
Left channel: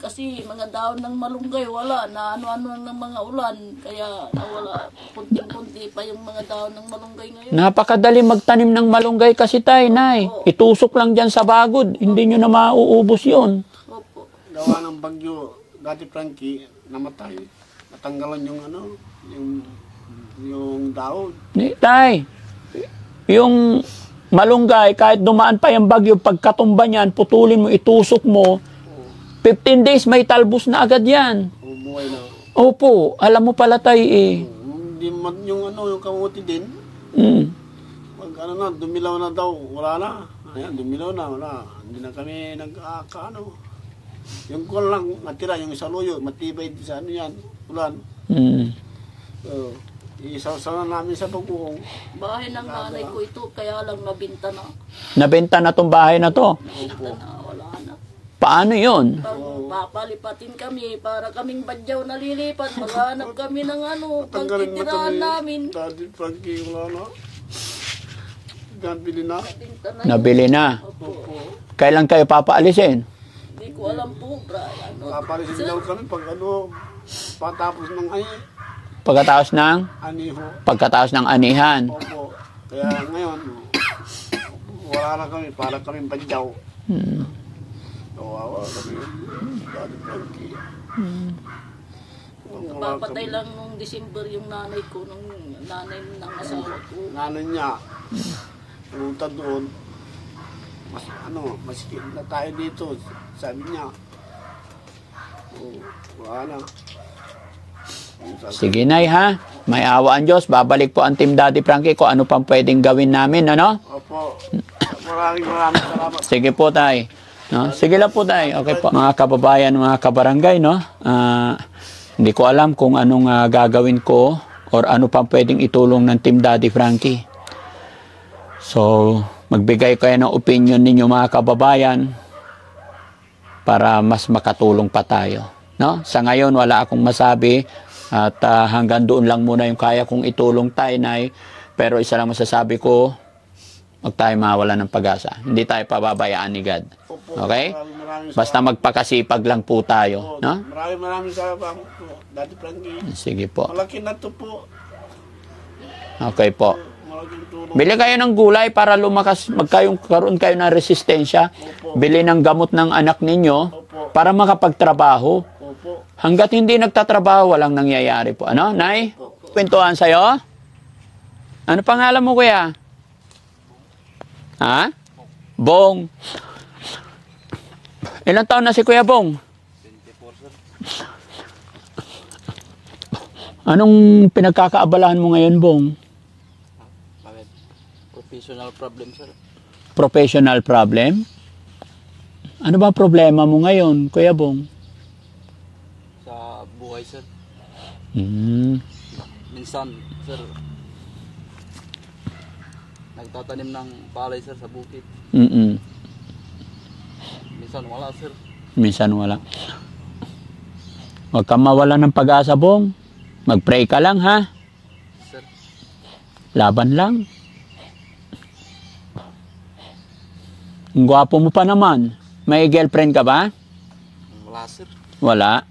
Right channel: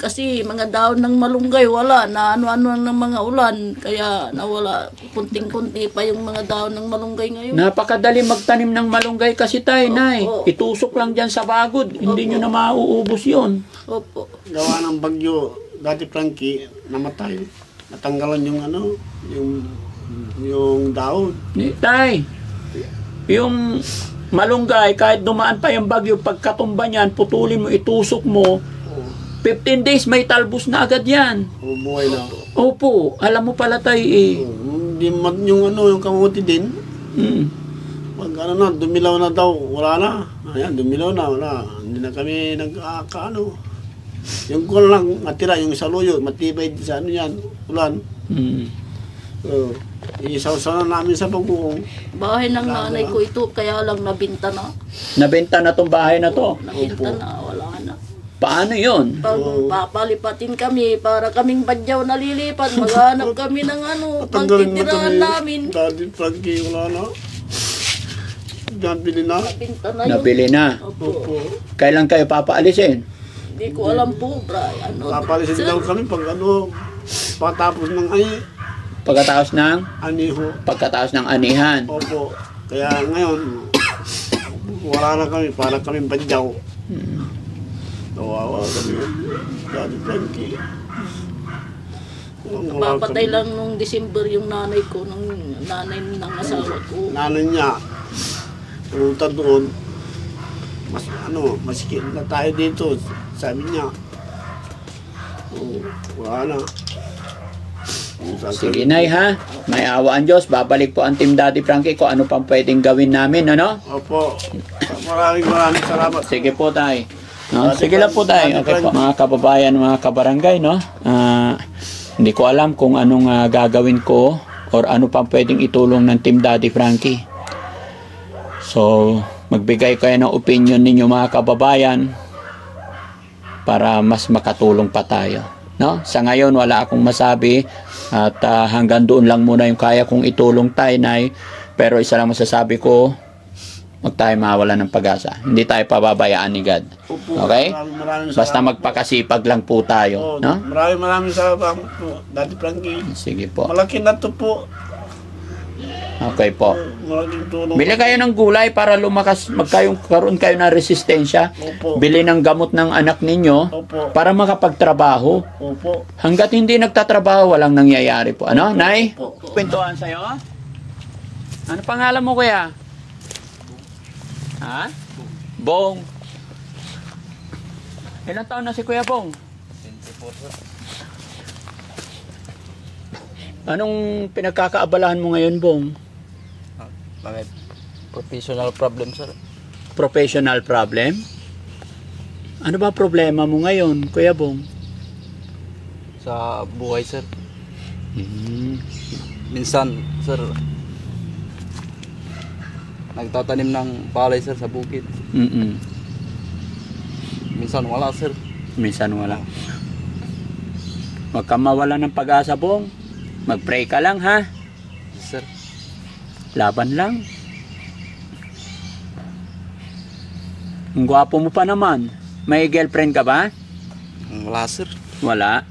Kasi mga daon ng malunggay wala na ano-ano ng mga ulan kaya nawala kunting-kunti pa yung mga daon ng malunggay ngayon. Napakadali magtanim ng malunggay kasi tay, Nay. Opo. Itusok lang dyan sa bagod. Hindi nyo na mauubos yun. Opo. Gawa ng bagyo, Daddy Frankie, namatay. Natanggalan yung daon. Tay, yung malunggay, kahit dumaan pa yung bagyo, pagkatumba niyan, putulin mo, itusok mo, 15 days may talbos na agad yan. Buhay na. Opo, alam mo pala tay Hindi yung kamuti din. Pag dumilaw na daw, wala na. Ayan, dumilaw na, wala. Hindi na kami yung kun lang natira, yung saluyo, matibay sa yan, ulan. Isaw-saw na namin sa bagoong. Bahay ng nanay ko ito kaya lang nabinta na. Nabenta na tong bahay na to. Nabinta na, wala na. Paano yun? Pag papalipatin kami para kaming badyaw nalilipat, maghanap kami ng pagtitirahan namin. Daddy Frankie, wala na. Nabili na. Nabinta na yun. Nabili na. Opo. Kailan kayo papaalisin? Hindi ko alam po, Papalisin daw kami pag patapos ng Pagkatapos ng? aniho. Pagkatapos ng anihan. Opo. Kaya ngayon, wala na kami, para kami badyaw. Kawawa kami. Daddy Frankie. Papatay lang nung December yung nanay ko, nanay ng asawa ko. Nanay niya, pumunta doon, masikip na tayo dito, sabi niya. Wala na. Sige, Nay, ha? May awa ang Diyos. Babalik po ang Team Daddy Frankie kung ano pang pwedeng gawin namin, ano? Opo. Maraming salamat. Sige po, tay. No? Sige lang po, tay. Okay po. Mga kababayan, mga kabarangay, no? Hindi ko alam kung anong gagawin ko or ano pang pwedeng itulong ng Team Daddy Frankie. So, magbigay kayo ng opinion ninyo, mga kababayan, para mas makatulong pa tayo. No? Sa ngayon, wala akong masabi at hanggang doon lang muna yung kaya kong itulong tayo, Nay. Pero isa lang masasabi ko, huwag tayo mawala ng pag-asa. Hindi tayo pababayaan ni God. Okay? Basta magpakasipag lang po tayo. No? Maraming salamat po, Daddy Frankie. Sige po. Malaki na to po. Okay po. Malaking tulong. Bili kayo ng gulay para lumakas, magkaroon kayo ng resistensya. Opo. Bili ng gamot ng anak ninyo Opo. para makapagtrabaho. Opo. Hanggat hindi nagtatrabaho, walang nangyayari po. Ano, Nay? Kwentuhan sa'yo? Ano pangalan mo, kuya? Ha? Bong. Ilang taon na si Kuya Bong? 24, sir. Anong pinagkakaabalahan mo ngayon, Bong? Mga professional problem, sir. Professional problem? Ano ba problema mo ngayon, Kuya Bong? Sa buhay, sir. Minsan, sir, nagtatanim ng palay, sir, sa bukid. Minsan wala, sir. Minsan wala. Huwag kang mawala ng pag-asa, Bong. Mag-pray ka lang, ha? Sir, Laban lang. Ang gwapo mo pa naman. May girlfriend ka ba? wala, sir. Wala.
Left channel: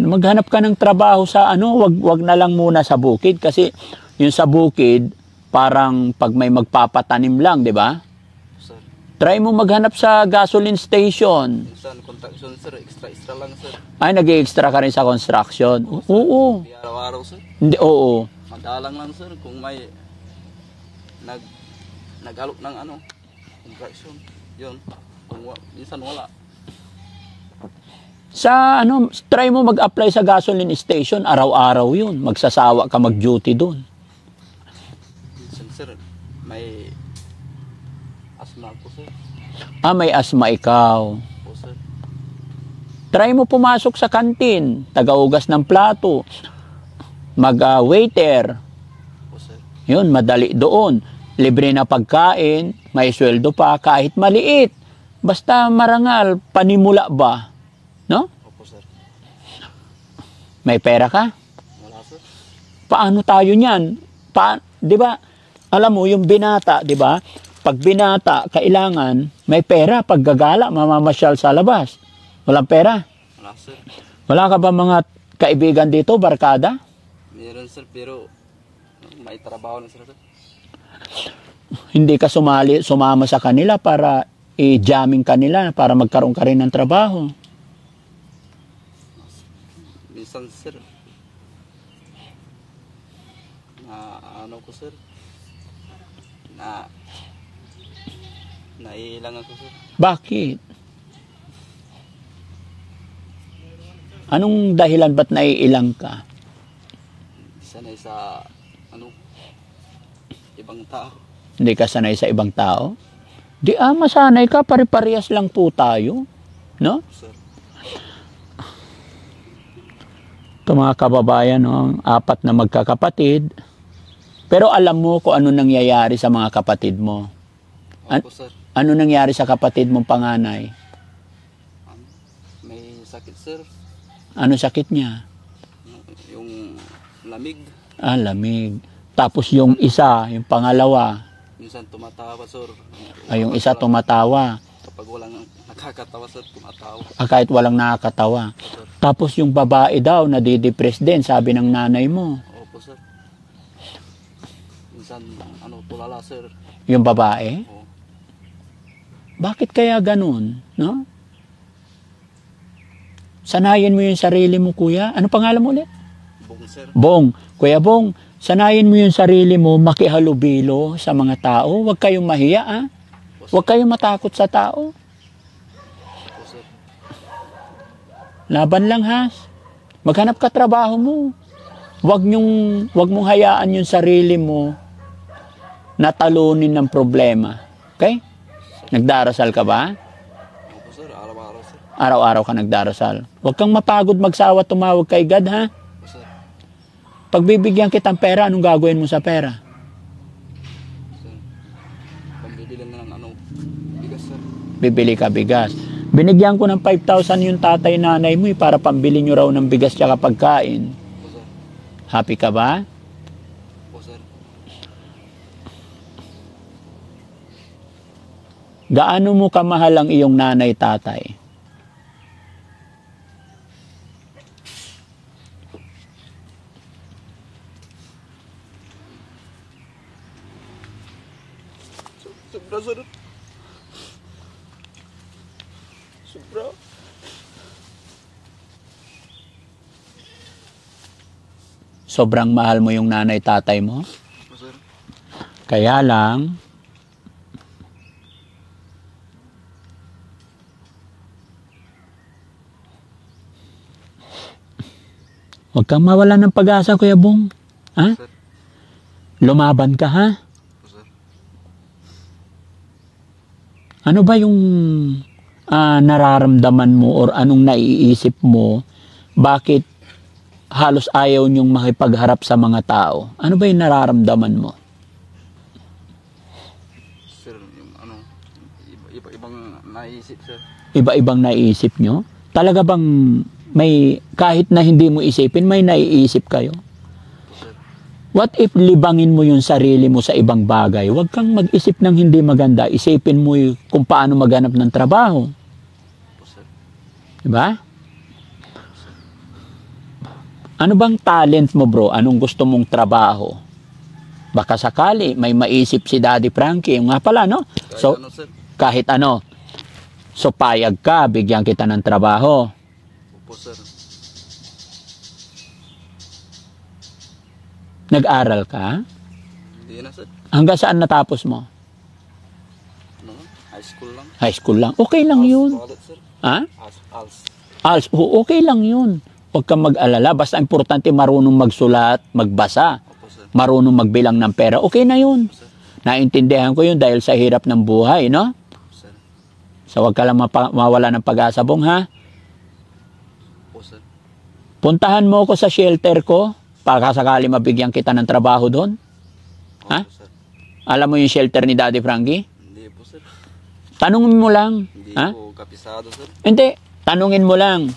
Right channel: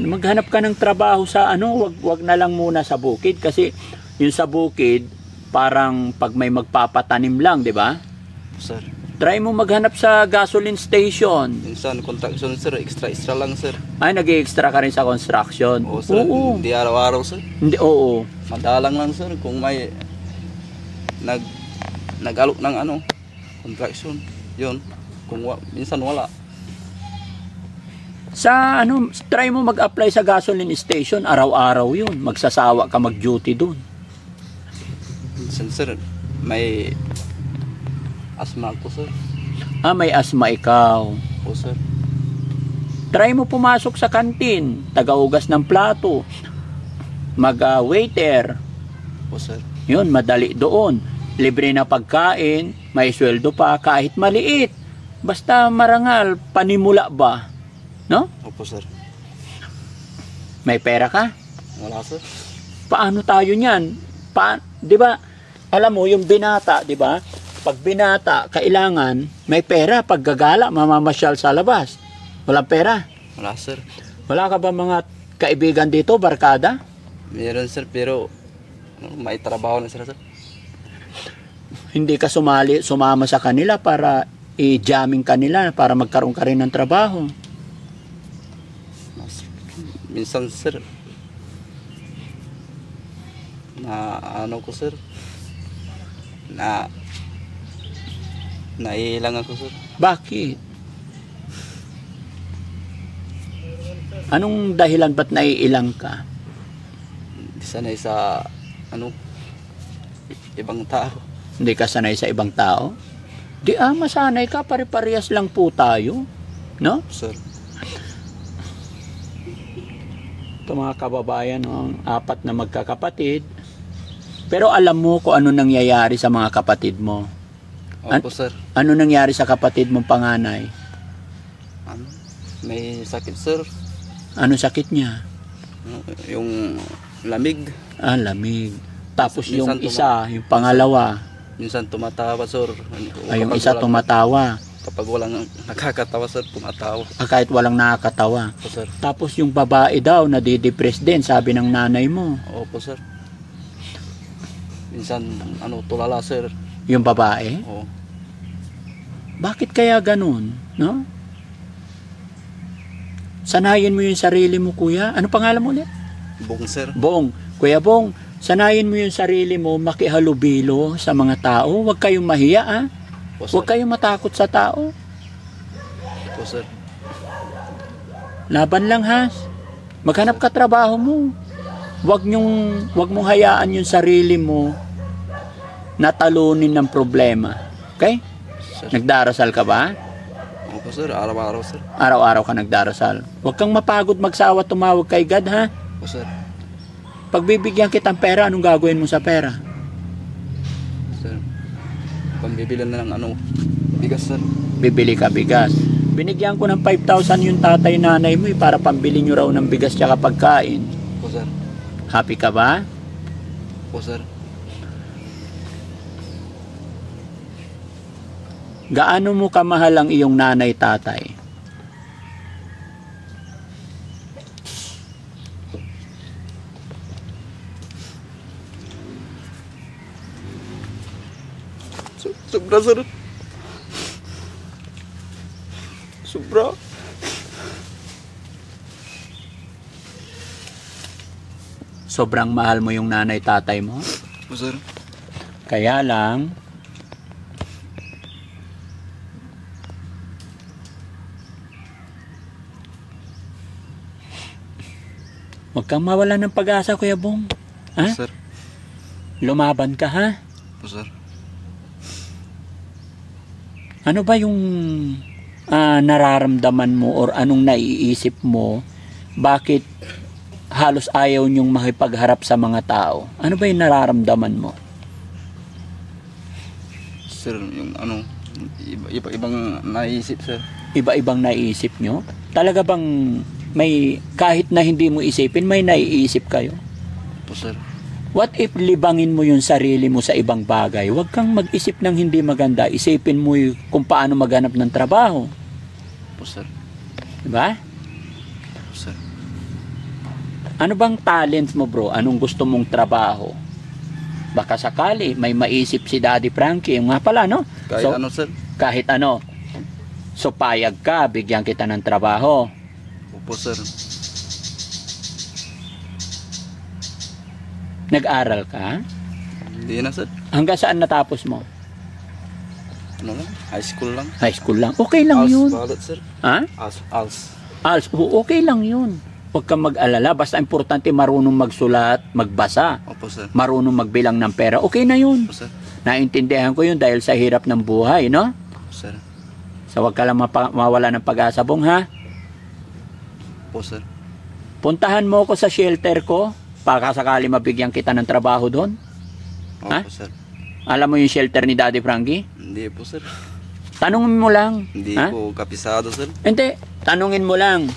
Maghanap ka ng trabaho sa wag na lang muna sa bukid kasi yung sa bukid parang pag may magpapatanim lang, di ba? Sir, Try mo maghanap sa gasoline station. minsan construction, sir, extra lang, sir. Ay, nag-extra ka rin sa construction. Oo, sir. Oo. Hindi araw-araw, sir. Hindi, oo. Madalang lang, sir, kung may nag-alok ng construction. Yun. Minsan wala. Sa try mo mag-apply sa gasoline station, araw-araw yun. Magsasawa ka mag-duty doon. Minsan, sir, may asma ako, sir. Ah, may asma ikaw. O, sir. Try mo pumasok sa kantin, tagaugas ng plato, mag-waiter. O, sir. Yun, madali doon. Libre na pagkain, may sweldo pa, kahit maliit. Basta marangal, panimula ba? No? Opo, sir. May pera ka? Wala, sir. Paano tayo niyan? Di ba? Alam mo, yung binata, di ba? Pag binata, kailangan may pera. Pag gagala, mamamasyal sa labas. Walang pera. Wala, sir. Wala ka ba mga kaibigan dito, barkada? Meron, sir, pero may trabaho na sila, sir. Hindi ka sumama sa kanila para i-jamming kanila para magkaroon ka rin ng trabaho. Minsan, sir, ko, sir, naiilang ako, sir. Bakit? Anong dahilan ba't naiilang ka? Sanay sa, ibang tao. Hindi ka sanay sa ibang tao? Di masanay ka, pare-parehas lang po tayo. No? Sir, Ito mga kababayan, no? 4 na magkakapatid. Pero alam mo kung ano nangyayari sa mga kapatid mo. opo, sir. Ano nangyari sa kapatid mong panganay? May sakit, sir. Ano sakit niya? Yung lamig. Lamig. Tapos yung isa, yung pangalawa, Minsan tumatawa, sir. yung isa tumatawa. Kapag walang nakakatawa, sir, tumatawa. Kahit walang nakakatawa. Opo, sir. Tapos yung babae daw, nadidepress din, sabi ng nanay mo. Opo, sir. Minsan, tulala, sir. Yung babae? Oo. Bakit kaya ganun? No? Sanayin mo yung sarili mo, kuya. Ano pangalan mo ulit? Bong, sir. Bong. Kuya Bong, sanayin mo yung sarili mo makihalubilo sa mga tao. Huwag kayong mahiya, ha? Opo, sir. Huwag kayong matakot sa tao. Opo, sir. Laban lang, ha? Maghanap ka trabaho mo. Huwag mong hayaan yung sarili mo na talunin ng problema. Okay? Sir. Nagdarasal ka ba? Opo, sir. Araw-araw, sir. Araw-araw ka nagdarasal. Huwag kang mapagod magsawa tumawag kay God, ha? Opo, sir. Pagbibigyan kitang pera, anong gagawin mo sa pera? Sir. Pambibilan na ng bigas, sir. Bibili ka bigas. Binigyan ko ng 5,000 yung tatay-nanay mo para pambili nyo raw ng bigas tsaka pagkain. Opo, sir. Happy ka ba? Opo, sir. Gaano mo kamahal ang iyong nanay-tatay? Sobra, sir. Sobra. Sobrang mahal mo yung nanay tatay mo. Po, sir. Kaya lang, huwag kang mawala ng pag-asa, Kuya Bong. Ha? Sir. Lumaban ka, ha? Po, sir. Ano ba yung nararamdaman mo or anong naiisip mo? Bakit halos ayaw niyong makipagharap sa mga tao? Ano ba yung nararamdaman mo? Sir, yung ano, ibang naisip, sir. Iba-ibang naiisip nyo? Talaga bang may, kahit na hindi mo isipin, may naiisip kayo? Po, sir. What if libangin mo yung sarili mo sa ibang bagay? Huwag kang mag-isip ng hindi maganda. Isipin mo kung paano maghanap ng trabaho. Po, sir. Diba? Po, sir. Ano bang talent mo, bro? Anong gusto mong trabaho? Baka sakali, may maisip si Daddy Frankie. Nga pala, no? Kahit So, ano, sir. kahit ano. So, payag ka, bigyan kita ng trabaho. Po, sir. Nag-aral ka? Hindi na, sir. Hanggang saan natapos mo? Ano lang? High school lang. High school lang. Okay lang yun. Balot, sir. Ha? Als. ALS, okay lang yun. Huwag kang mag-alala. Basta importante marunong magsulat, magbasa. Opo, sir. Marunong magbilang ng pera. Okay na yun. Po, sir. Naintindihan ko yun dahil sa hirap ng buhay, no? Po, sir. So, huwag ka lang mawala ng pag-asa, Bong, ha? Po, sir. Puntahan mo ako sa shelter ko para sakali mabigyan kita ng trabaho doon. Opo, Ha? sir. Alam mo yung shelter ni Daddy Frankie? Hindi po, sir. Tanungin mo lang. Hindi Ha? po kapisado, sir. Hindi. Tanungin mo lang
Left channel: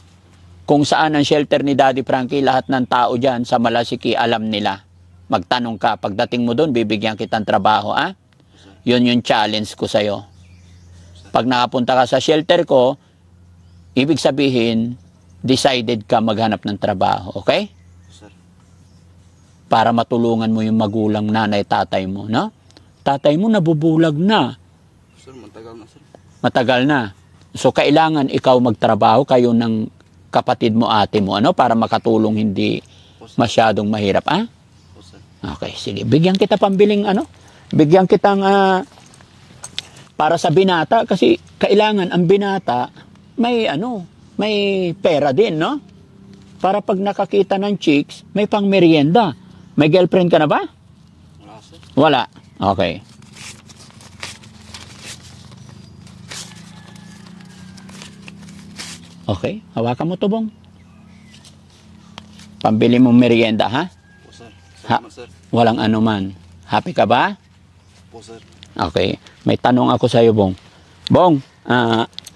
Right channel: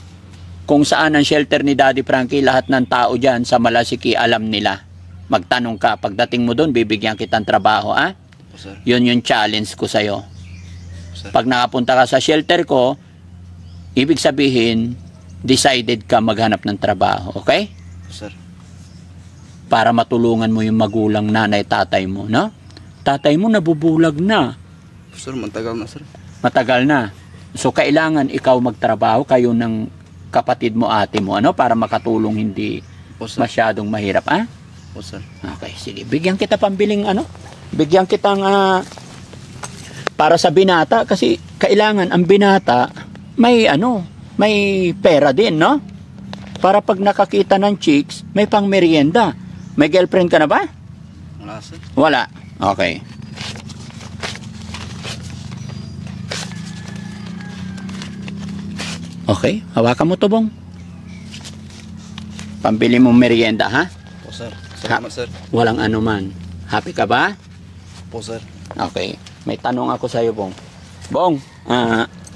kung saan ang shelter ni Daddy Frankie. Lahat ng tao dyan sa Malasiki alam nila. Magtanong ka. Pagdating mo doon, bibigyan kitang trabaho. Ha? Po, sir. Yun yung challenge ko sa'yo. Sir. Pag nakapunta ka sa shelter ko, ibig sabihin, decided ka maghanap ng trabaho. Okay? Sir. Para matulungan mo yung magulang, nanay, tatay mo. No? Tatay mo nabubulag na. Sir, matagal na, sir. Matagal na. So, kailangan ikaw magtrabaho, kayo ng kapatid mo, ate mo, ano, para makatulong hindi Po, sir. masyadong mahirap, ah? Po, sir. Okay, sige. Bigyan kita pambiling, ano? Bigyan kitang, para sa binata, kasi kailangan ang binata, may, ano, may pera din, no? Para pag nakakita ng chicks, may pang merienda. May girlfriend ka na ba? Wala, sir. Wala. Okay. Okay, hawakan mo to, Bong. Pambili mo merienda, ha? Po, sir. Salamat, sir. Walang anuman. Happy ka ba? Po, sir. Okay. May tanong ako sa iyo, Bong. Bong,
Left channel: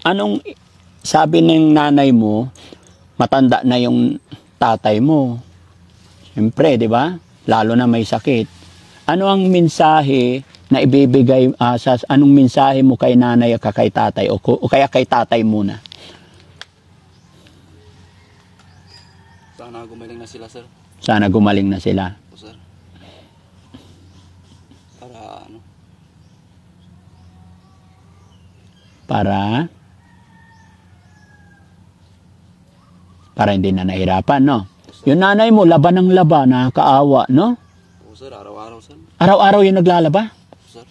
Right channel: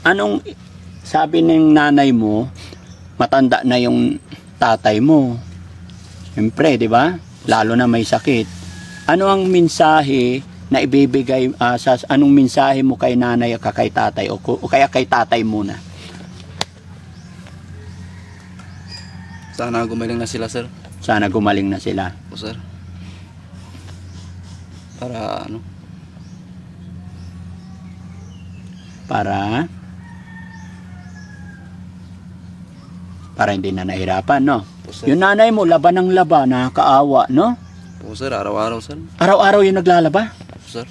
anong sabi ng nanay mo, matanda na yung tatay mo? Siyempre, di ba? Lalo na may sakit. Ano ang mensahe na ibibigay, anong mensahe mo kay nanay o kay tatay o kaya kay tatay muna? Sana gumaling na sila, sir. Sana gumaling na sila. Po, sir. Para, ano? Para hindi na nahirapan, no? Po, sir. Yung nanay mo, laban ng laban, nakakaawa, no? Po, sir. Araw-araw, sir. Araw-araw yung naglalaba. Po, sir.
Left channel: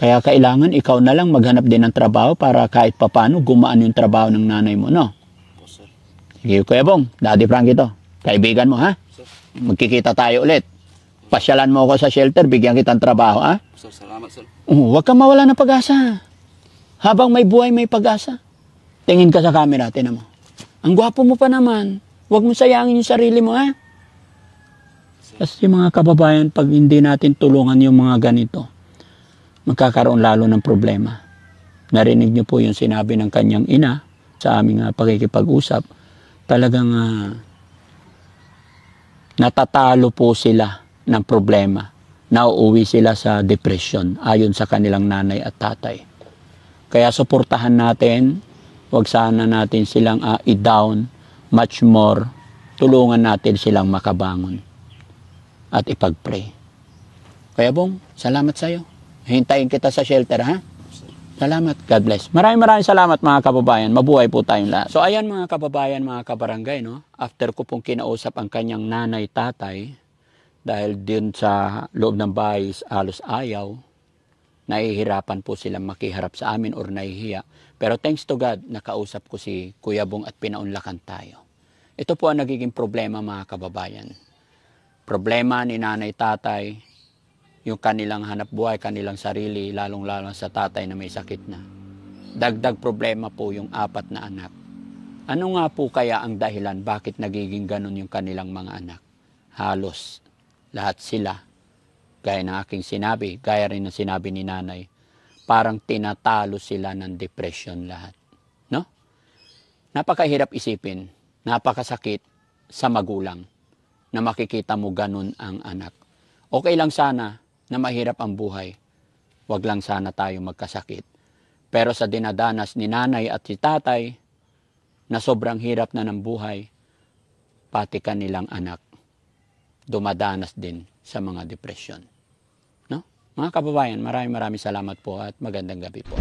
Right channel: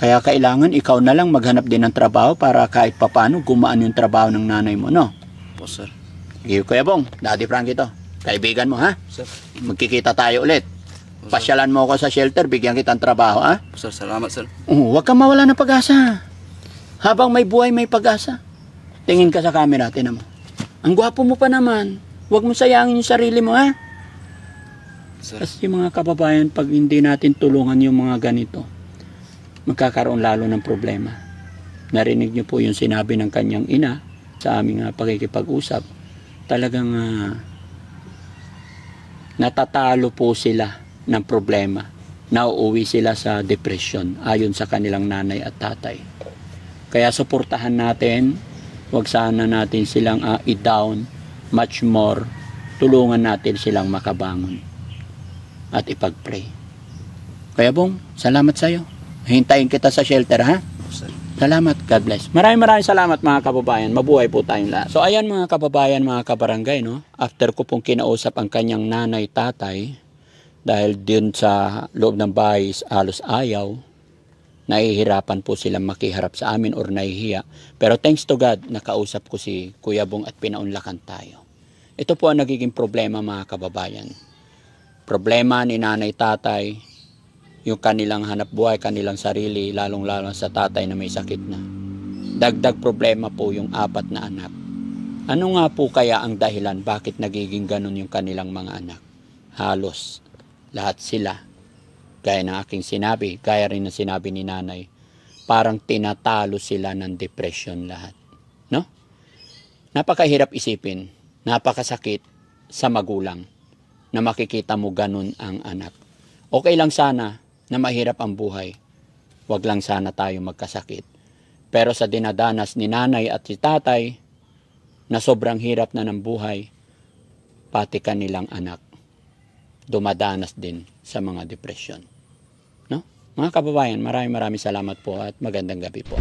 Kaya kailangan ikaw na lang maghanap din ng trabaho para kahit papano gumaan yung trabaho ng nanay mo, no? Po, sir. Sige, Kuya Bong, Daddy Frankie to. Kaibigan mo, ha? Sir. Magkikita tayo ulit. Pasyalan mo ako sa shelter, bigyan kitang trabaho, ha? Po, sir. Salamat, sir. Huwag kang mawala ng pag-asa. Habang may buhay, may pag-asa. Tingin ka sa camera, tinan mo. Ang gwapo mo pa naman. Huwag mo sayangin yung sarili mo, ha? Sir. Kasi mga kababayan, pag hindi natin tulungan yung mga ganito, magkakaroon lalo ng problema. Narinig niyo po yung sinabi ng kanyang ina sa aming pagkikipag-usap. Talagang natatalo po sila ng problema. Nauuwi sila sa depression ayon sa kanilang nanay at tatay. Kaya suportahan natin, huwag sana natin silang i-down, much more, tulungan natin silang makabangon at ipag-pray. Kaya Bong, salamat sa iyo. Hintayin kita sa shelter, ha? Salamat. God bless. Maraming salamat mga kababayan. Mabuhay po tayong lahat. So ayan mga kababayan, mga kabarangay, no? After ko pong kinausap ang kanyang nanay, tatay, dahil din sa loob ng bahay halos ayaw, nahihirapan po silang makiharap sa amin or nahihiya. Pero thanks to God, nakausap ko si Kuya Bong at pinaunlakan tayo. Ito po ang nagiging problema mga kababayan. Problema ni nanay, tatay, yung kanilang hanap buhay, kanilang sarili, lalong-lalo sa tatay na may sakit na. Dagdag problema po yung 4 na anak. Ano nga po kaya ang dahilan bakit nagiging ganun yung kanilang mga anak? Halos lahat sila, gaya ng aking sinabi, gaya rin ng sinabi ni nanay, parang tinatalo sila ng depression lahat. No? Napakahirap isipin, napakasakit sa magulang na makikita mo ganun ang anak. Okay lang sana na mahirap ang buhay. Wag lang sana tayo magkasakit. Pero sa dinadanas ni nanay at si tatay, na sobrang hirap na ng buhay, pati kanilang anak, dumadanas din sa mga depresyon. No? Mga kababayan, maraming salamat po at magandang gabi po.